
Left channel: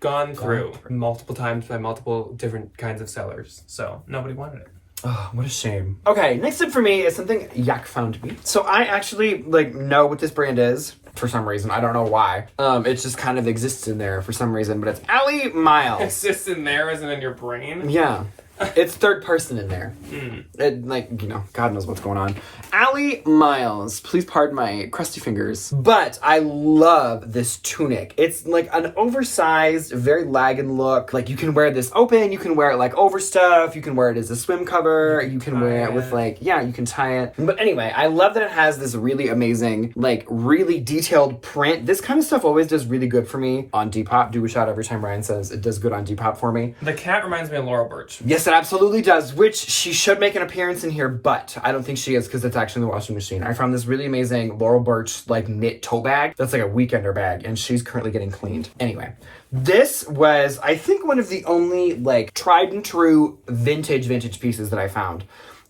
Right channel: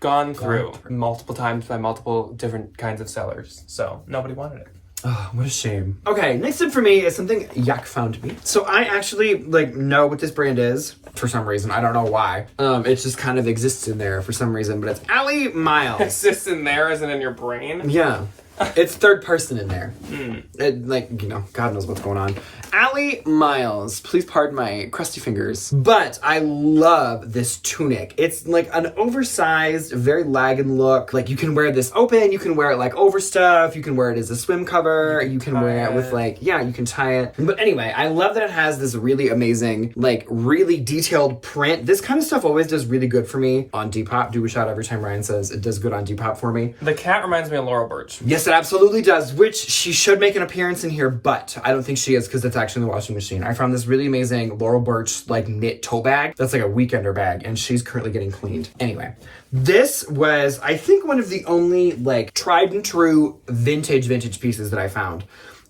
gone through multiple times by multiple different kinds of sellers. So nobody wanted it. Oh, what a shame. Okay, next up for me is something Yak found me. So I actually like know what this brand is for some reason. I don't know why. It just kind of exists in there for some reason, but it's Allie Miles. Is this in there as in your brain? Yeah. It's third person in there. It, like, you know, God knows what's going on. Allie Miles. Please pardon my crusty fingers. But I love this tunic. It's like an oversized, very lagging look. Like, you can wear this open. You can wear it like over stuff. You can wear it as a swim cover. You can wear it with like, yeah, you can tie it. But anyway, I love that it has this really amazing, like, really detailed print. This kind of stuff always does really good for me on Depop. Do a shout every time Ryan says it does good on Depop for me. The cat reminds me of Laurel Birch. Yes, it absolutely does, which she should make an appearance in here, but I don't think she is because it's actually in the washing machine. I found this really amazing Laurel Birch like knit tote bag. That's like a weekender bag, and she's currently getting cleaned. Anyway, this was, I think, one of the only like tried and true vintage pieces that I found.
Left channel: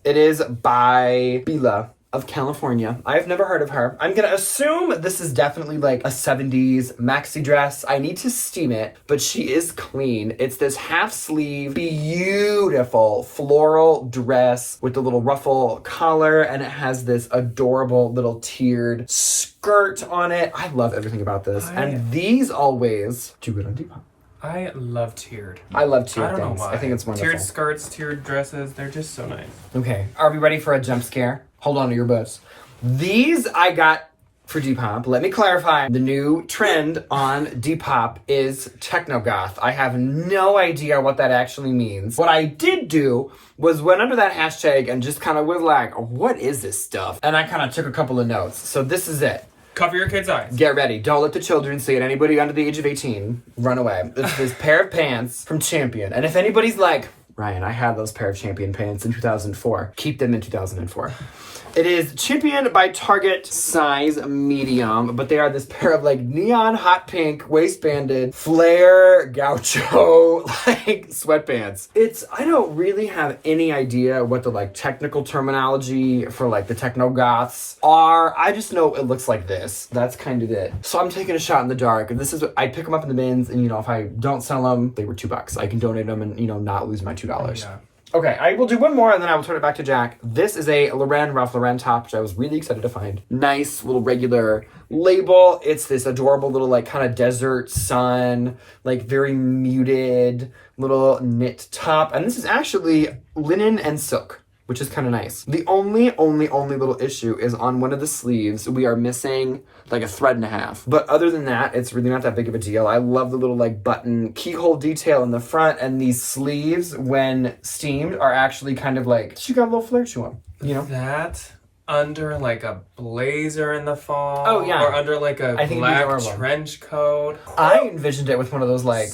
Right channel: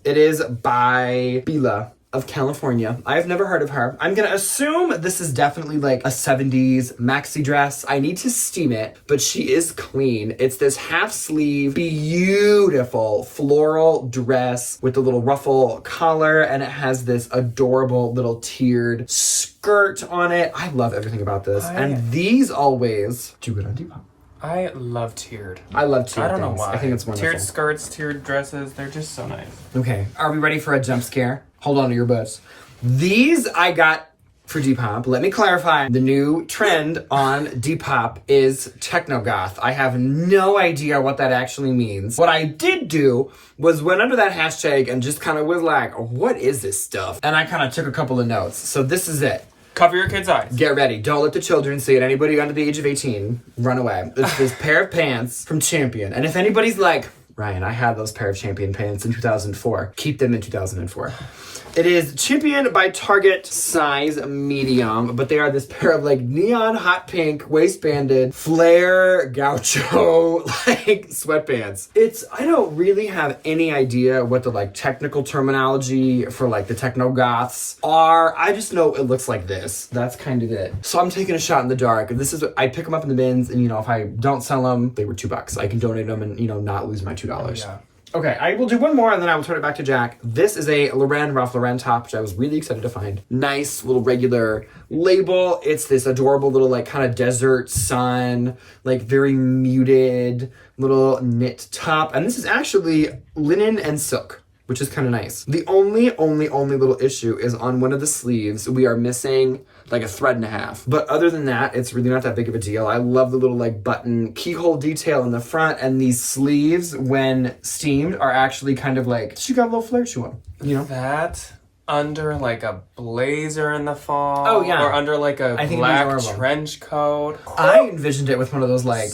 It is by Bila of California. I've never heard of her. I'm gonna assume this is definitely like a 70s maxi dress. I need to steam it, but she is clean. It's this half sleeve, beautiful floral dress with the little ruffle collar, and it has this adorable little tiered skirt on it. I love everything about this. And these always do good on Depop. I love tiered. I love tiered I don't know things. why. I think it's wonderful. Tiered skirts, tiered dresses, they're just so nice. Okay, are we ready for a jump scare? Hold on to your butts. These I got for Depop. Let me clarify. The new trend on Depop is techno goth. I have no idea what that actually means. What I did do was went under that hashtag and just kind of was like, what is this stuff? And I kind of took a couple of notes. So this is it. Cover your kids' eyes. Get ready. Don't let the children see it. Anybody under the age of 18, run away. It's this pair of pants from Champion. And if anybody's like, Ryan, I had those pair of Champion pants in 2004. Keep them in 2004. It is Champion by Target, size medium, but they are this pair of like neon hot pink waistbanded flare gaucho like sweatpants. I don't really have any idea what the like technical terminology for like the techno goths are. I just know it looks like this. That's kind of it. So I'm taking a shot in the dark. This is, I pick them up in the bins, and you know, if I don't sell them, they were $2. I can donate them and, you know, not lose my $2. Yeah. Okay, I will do one more and then I will turn it back to Jack. This is a Ralph Lauren top, which I was really excited to find. Nice little regular label. It's this adorable little like kind of desert sun, like very muted little knit top. And this is actually linen and silk, which is kind of nice. The only little issue is on one of the sleeves, we are missing like a thread and a half. But other than that, it's really not that big of a deal. I love the little like button keyhole detail in the front, and these sleeves, when steamed, are actually kind of like, she got a little flare to them, you know? That under like a blazer in the fall. Oh, yeah. Or under like a black trench coat. I envisioned it with one of those like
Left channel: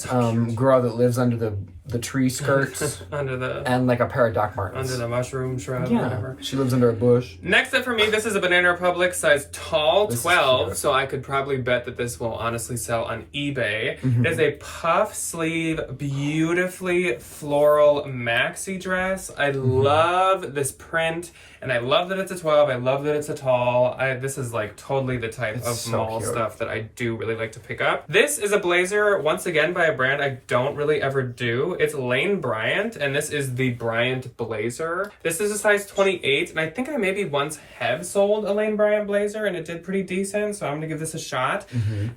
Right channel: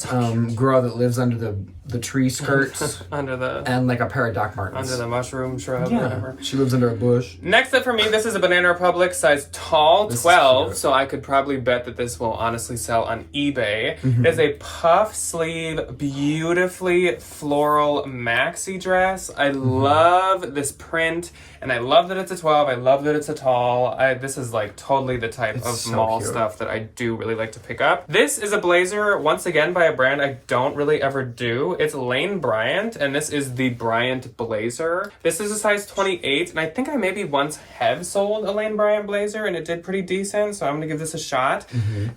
girl that lives under the tree skirts under the and like a pair of Doc Martens. Under the mushroom shrub, yeah. whatever. She lives under a bush. Next up for me, this is a Banana Republic size tall, 12, so I could probably bet that this will honestly sell on eBay. It is a puff sleeve, beautifully floral maxi dress. I love this print, and I love that it's a 12. I love that it's a tall. This is like totally the type of mall stuff that I do really like to pick up. This is a blazer, once again, by a brand I don't really ever do. It's Lane Bryant, and this is the Bryant blazer. This is a size 28, and I think I maybe once have sold a Lane Bryant blazer, and it did pretty decent, so I'm gonna give this a shot.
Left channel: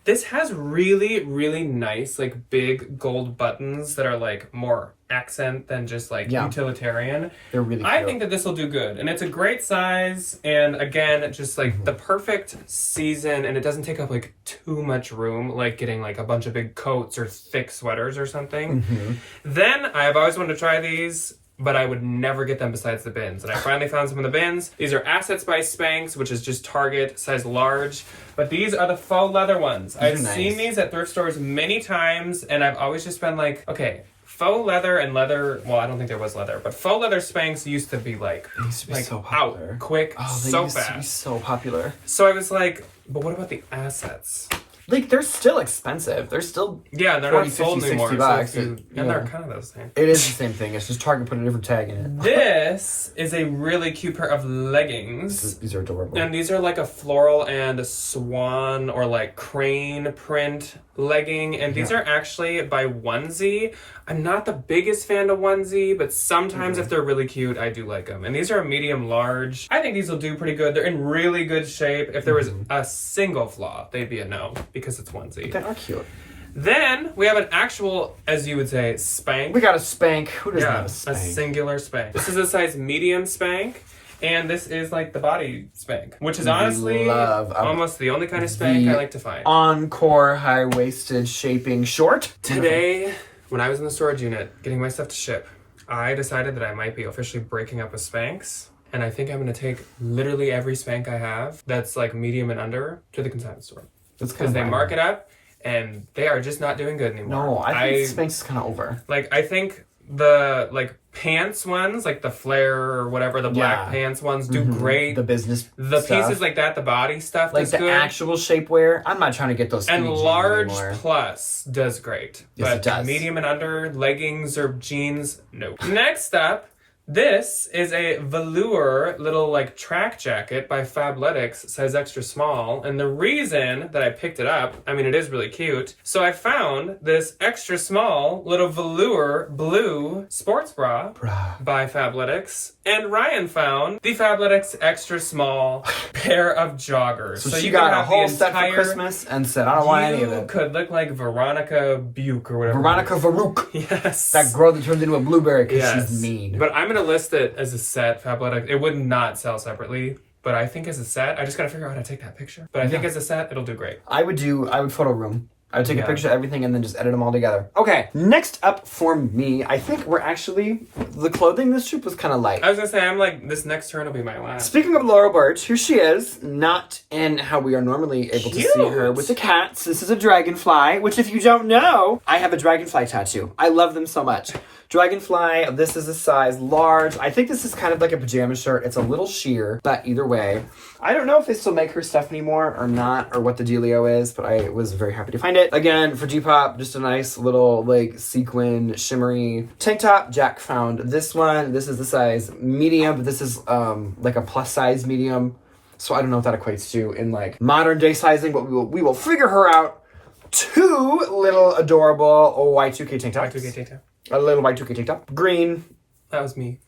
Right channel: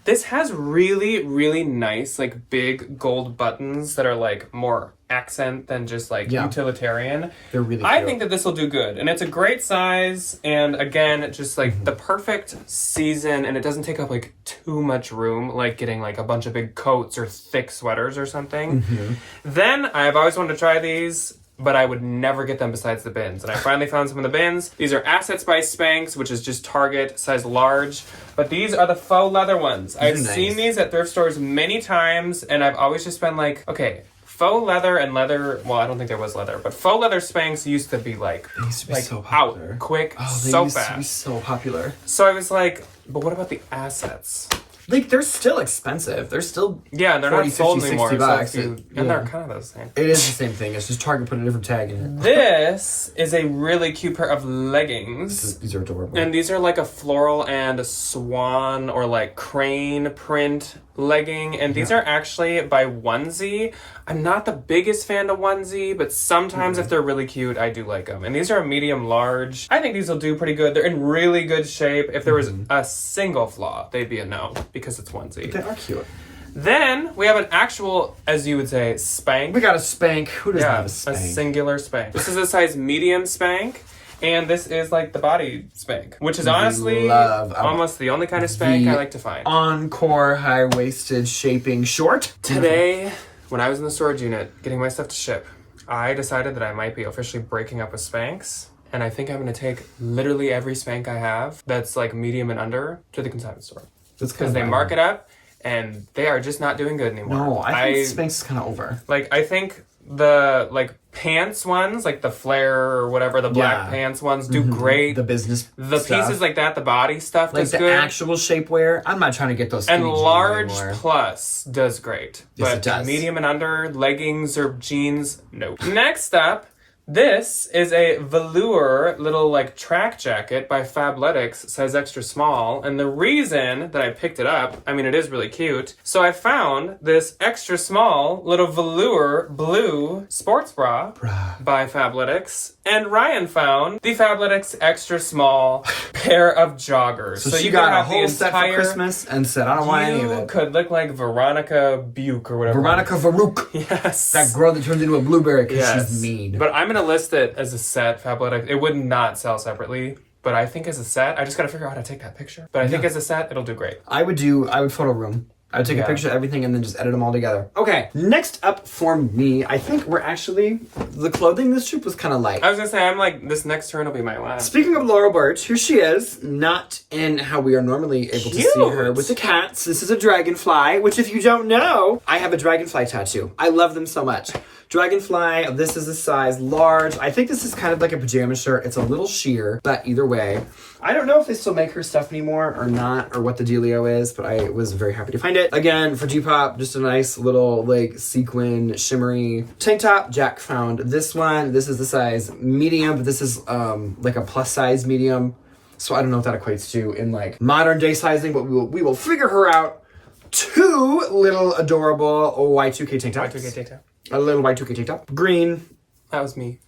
This has really, really nice, like, big gold buttons that are, like, more accent than just like utilitarian. They're really cute. I think that this will do good, and it's a great size, and again, just like the perfect season, and it doesn't take up like too much room, like getting like a bunch of big coats or thick sweaters or something. Then I've always wanted to try these, but I would never get them besides the bins. And I finally found some of the bins. These are Asset Spice Spanx, which is just Target, size large. But these are the faux leather ones. I've seen these at thrift stores many times, and I've always just been like, okay, faux leather and leather, well, I don't think there was leather, but faux leather Spanx used to be like, so out, quick, so fast. To be so popular. So I was like, but what about the assets? Like, they're still expensive. They're still they're 40, not sold 50, anymore. 60 bucks. And they're kind of the same. It is the same thing. It's just Target put a different tag in it. This is a really cute pair of leggings. These are adorable. And these are like a floral and a swan or like crane print legging. And these are actually by Onesie. I'm not the biggest fan of Onesie, but sometimes if they're really cute, I do like them. And these are a medium large. I think these will do pretty good. They're in really good shape. If there was a single flaw, they'd be a no because it's Onesie. They are cute. Then we have an actual, as you would say, Spank. We got a Spank. Who doesn't have a Spank? A singular Spank. This is a size medium Spank. And this is like the body Spank, which is honestly almost the only kind of Spank I like to find. Encore high-waisted shaping short. Today, when I was in the storage unit getting my stuff to ship, I decided that I might be officially breaking up with Spanx. And I think I'm going to take literally every Spank I have that's like medium and under to the consignment store. Because they mark it up and they are just not doing good anymore. No, I think Spanx is kind of over. Like, I think the like pants ones, like the flare or whatever, the black pants ones do great. The business the stuff. Pieces like that, the body stuff like does the good. actual shapewear. I'm not trying to get those and large anymore. plus does great. Yes, but it does. Medium and under, leggings or jeans, no. Next up, this is a velour little like track jacket by Fabletics, size extra small. And the reason that I picked it up, I mean, it is really cute. So I found this extra small little velour blue sports bra by Fabletics. And Ryan found the Fabletics extra small pair of joggers. So she got a whole set for Christmas and said, I don't want any of it. You could look like Veronica Buke or whatever. Veronica Farouk. Yes. That girl that turns into a blueberry because she's mean. But I'm going to list it as a set, Fabletics. It would not sell separately. But I think as a set, I just got to figure out how to take that picture. But I think as a set, it'll do great. I would photo room. I would take a picture of everything and then just edit them all together. Okay, next up for me, I think we're actually, the clothing this trip was kind of light. I was going to say, I'm like, this next turn will be my last. Speaking of Laurel Birch, here she is, not in how we are normally able to see her with the cats. This is a dragonfly, which if you don't know, I have a dragonfly tattoo. I love them so much. Dragonfly, this is a size large. I think this is kind of like a pajama shirt. It's a little sheer, but either way. I don't know if they still make her stuff anymore or not, or what the dealio is, but I was very happy to find it. Again, for Depop, just a nice little like sequin, shimmery tank top. Jack found this one. This is the size medium, but this is like a plus size medium. So I don't know what that equates to in like modern day sizing, but we will figure her out. Two little adorable Y2K tank tops. Y2K tank top. A little Y2K tank top. Green, That was me.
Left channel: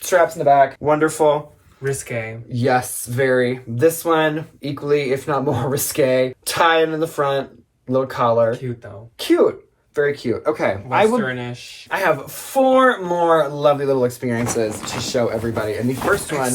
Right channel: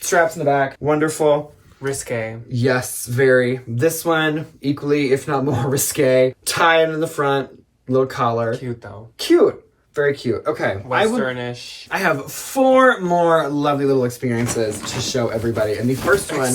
Straps in the back. Wonderful. Risque. Yes, very. This one, equally, if not more risque. Tie in the front. Little collar. Cute, though. Cute. Very cute. Okay. Westernish. I have 4 more lovely little experiences to show everybody. And the first one...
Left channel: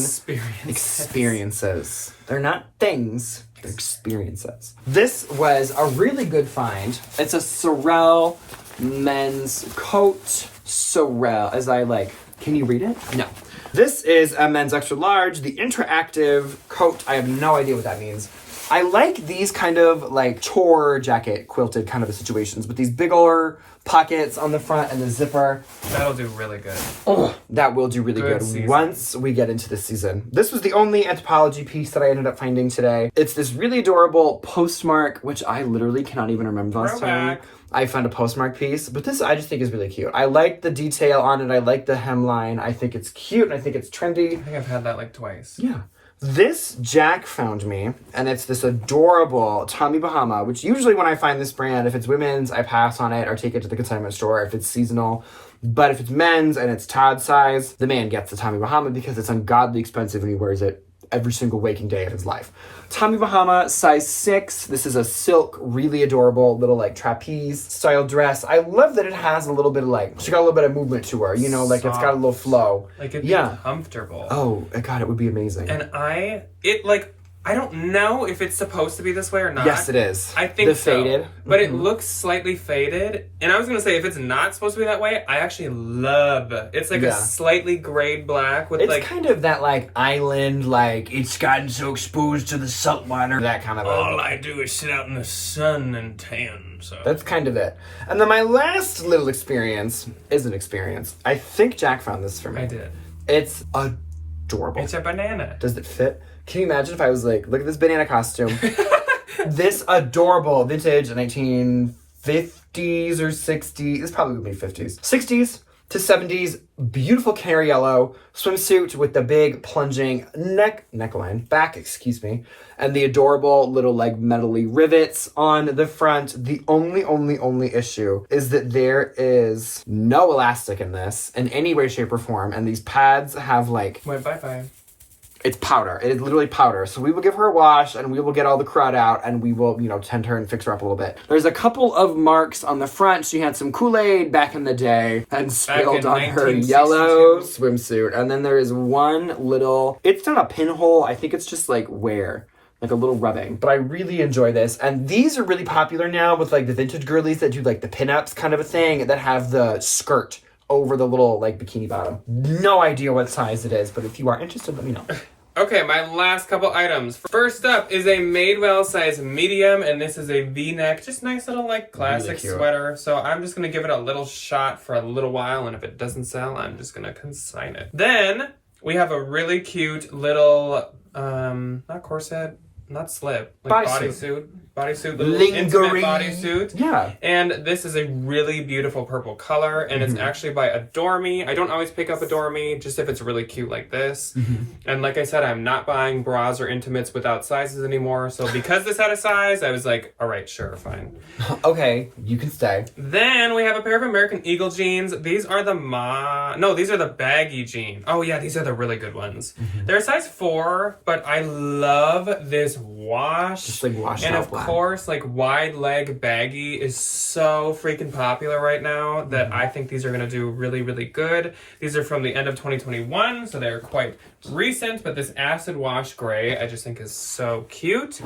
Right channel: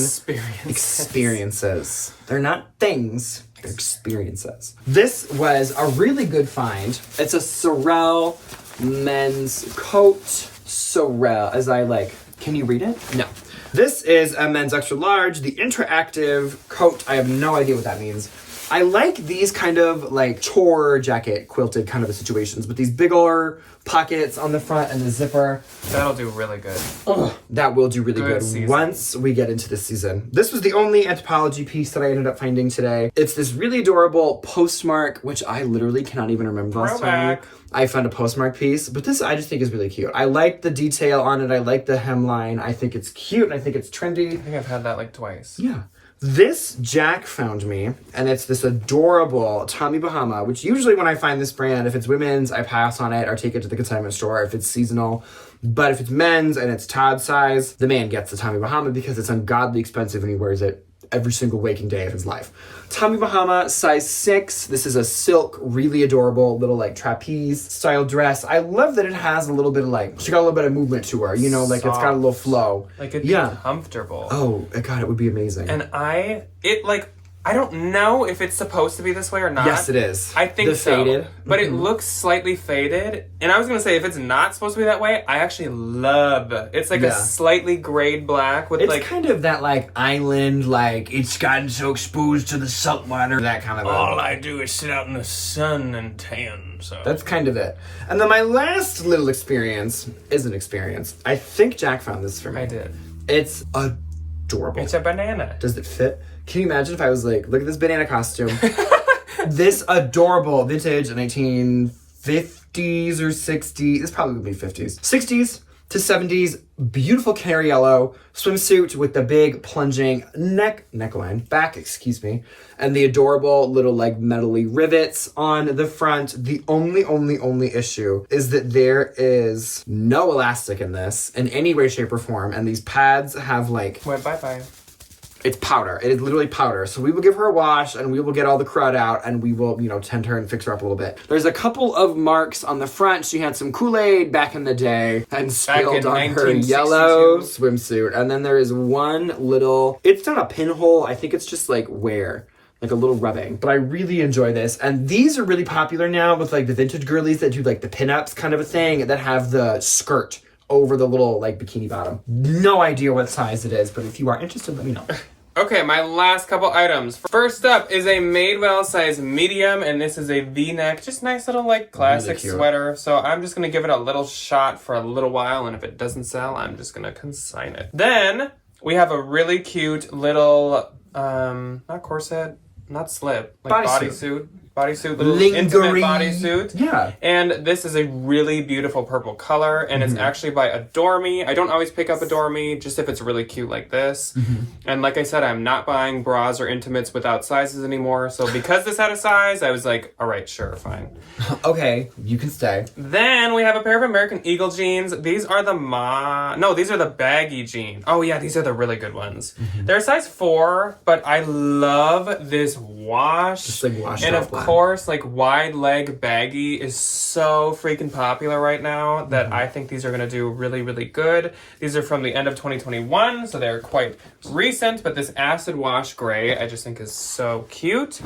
Experiences. They're not things. They're experiences. This was a really good find. It's a Sorel men's coat. Sorel, as I like... Can you read it? No. This is a men's extra large, the interactive coat. I have no idea what that means. I like these kind of like tour jacket quilted kind of situations with these bigger pockets on the front and the zipper. That'll do really good. Oh, that will do really good once we get into the season. This was the only Anthropology piece that I ended up finding today. It's this really adorable Postmark, which I literally cannot even remember last time I found a Postmark piece, but this I just think is really cute. I like the detail on it. I like the hemline. I think it's cute. I think it's trendy. I think I've had that like twice. Yeah. This Jack found me, and it's this adorable Tommy Bahama, which usually when I find this brand, if it's women's, I pass on it or take it to the consignment store if it's seasonal. But if it's men's and it's Todd size, the man gets the Tommy Bahama because it's ungodly expensive and he wears it every single waking day of his life. Tommy Bahama, size 6. This is a silk, really adorable little like trapeze style dress. I love that it has a little bit of like, she got a little bit of movement to her, you know, like it's got a little flow. Like it's comfortable. Oh, God, it would be amazing. And I don't know if it's supposed to be this way or not. Yes, it is. I think so. Faded. But it looks slightly faded. And I was going to say, if it's not supposed to be that way, I actually love it. It's like a slightly grayed black with it's kind of that like island, like it's gotten so exposed to the salt water, that kind of all I do is sit out in the sun and tan. So that's kind of it. And then my last little experience is an experience. I think Jack found this for me. I did. It's adorable. It's a banana. Does it fit? Can you imagine if I was like, look at this banana costume. This adorable vintage 1950s or 60s. This probably would be 50s. 60s to 70s. Beautiful canary yellow swimsuit with the big plunging neckline. Back, excuse me. And the adorable little like metally rivets on the front. The only issue is that there is no elastic in this in any way, shape, or form. And these pads have like... Went bye-bye. It's powder. It is literally powder. So we will give her a wash and we will get all the crud out and we will, tend her and fix her up a little bit. There's a couple of marks on the front. She had some Kool-Aid back in the day and spilled on her yellow swimsuit. And then there is one little, it's not a pinhole. I think it's just like wear. Like a little rubbing. But I really enjoy this. And these are really popular now with like the vintage girlies that do like the pinups kind of a thing that have the skirt over the little like bikini bottom. No idea what size it is, but if you are interested, let me know. Okay, my last couple items. First up is a Madewell size medium, and this is a V-neck, just nice little like classic really sweater. So I'm just gonna give it a little shot for a little while, and if it doesn't sell, I'm just gonna consign it. Then we have a really cute little, not corset, not slip, like bodysuit, little intimate bodysuit. Yeah. And this is a really beautiful purple color, and it's actually by Adore Me. I don't always pick up Adore Me, just if it's really cute like this. And like I said, I'm not buying bras or intimates without sizes anymore. So because this had a size, I was like, all right, sure, fine. Okay, you can stay. Then we have a pair of American Eagle jeans. These are these are the baggy jeans. Oh yeah, these are the really good ones. They're size 4, but I love this wash. Just like washed and out of course, like wide leg baggy is so freaking popular right now that I think these are going to do really, really good. These are from the end of 2021, so they're quite recent, but this acid wash gray I just think is so cute.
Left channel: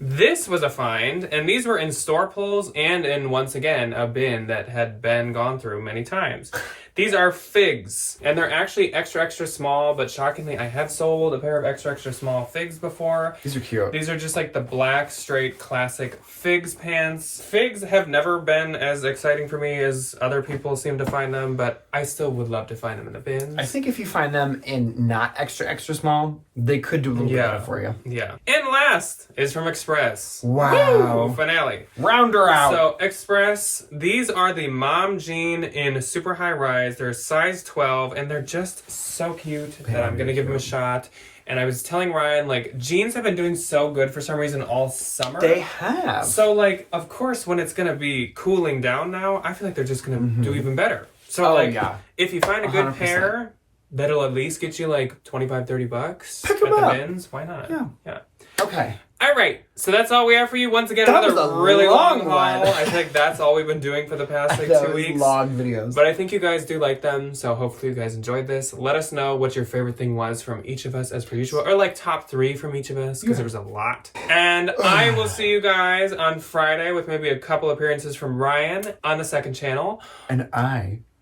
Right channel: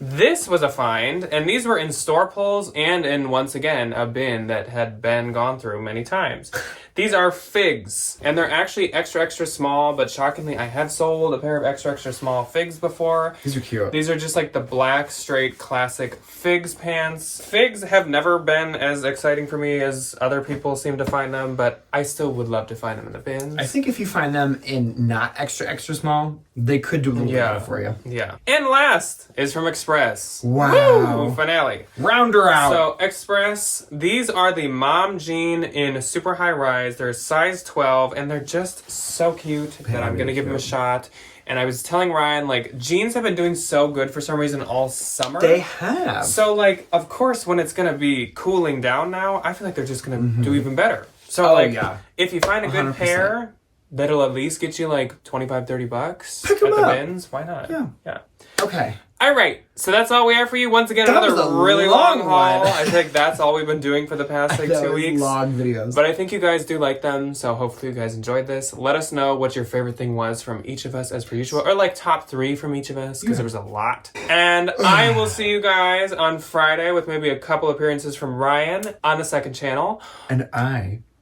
This was a find, and these were in store pulls and in, once again, a bin that had been gone through many times. These are figs, and they're actually extra, extra small, but shockingly, I have sold a pair of extra, extra small figs before. These are cute. These are just like the black, straight, classic figs pants. Figs have never been as exciting for me as other people seem to find them, but I still would love to find them in the bins. I think if you find them in not extra, extra small, they could do a little bit better for you. Yeah. And last is from Express. Wow. Woo! Finale. Round her out. So Express, these are the mom jean in super high rise. They're size 12, and they're just so cute that I'm going to give them a shot. And I was telling Ryan, like, jeans have been doing so good for some reason all summer. They have. So, like, of course, when it's going to be cooling down now, I feel like they're just going to do even better. So if you find a good 100%. pair that'll at least get you like $25-$30 Pick 'em at the up. bins, why not? Yeah. Okay. All right, so that's all we have for you. Once again, That another was a really long long haul. one. I think that's all we've been doing for the past like 2 weeks. Long videos. But I think you guys do like them, so hopefully you guys enjoyed this. Let us know what your favorite thing was from each of us as per usual, or like top 3 from each of us, because there was a lot. And I will see you guys on Friday with maybe a couple appearances from Ryan on the second channel. And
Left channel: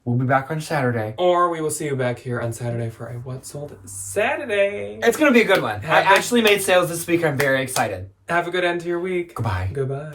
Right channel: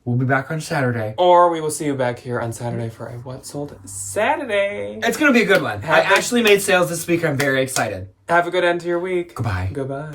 we'll be back on Saturday. Or we will see you back here on Saturday for a What Sold Saturday. It's going to be a good one. I actually made sales this week. I'm very excited. Have a good end to your week. Goodbye. Goodbye.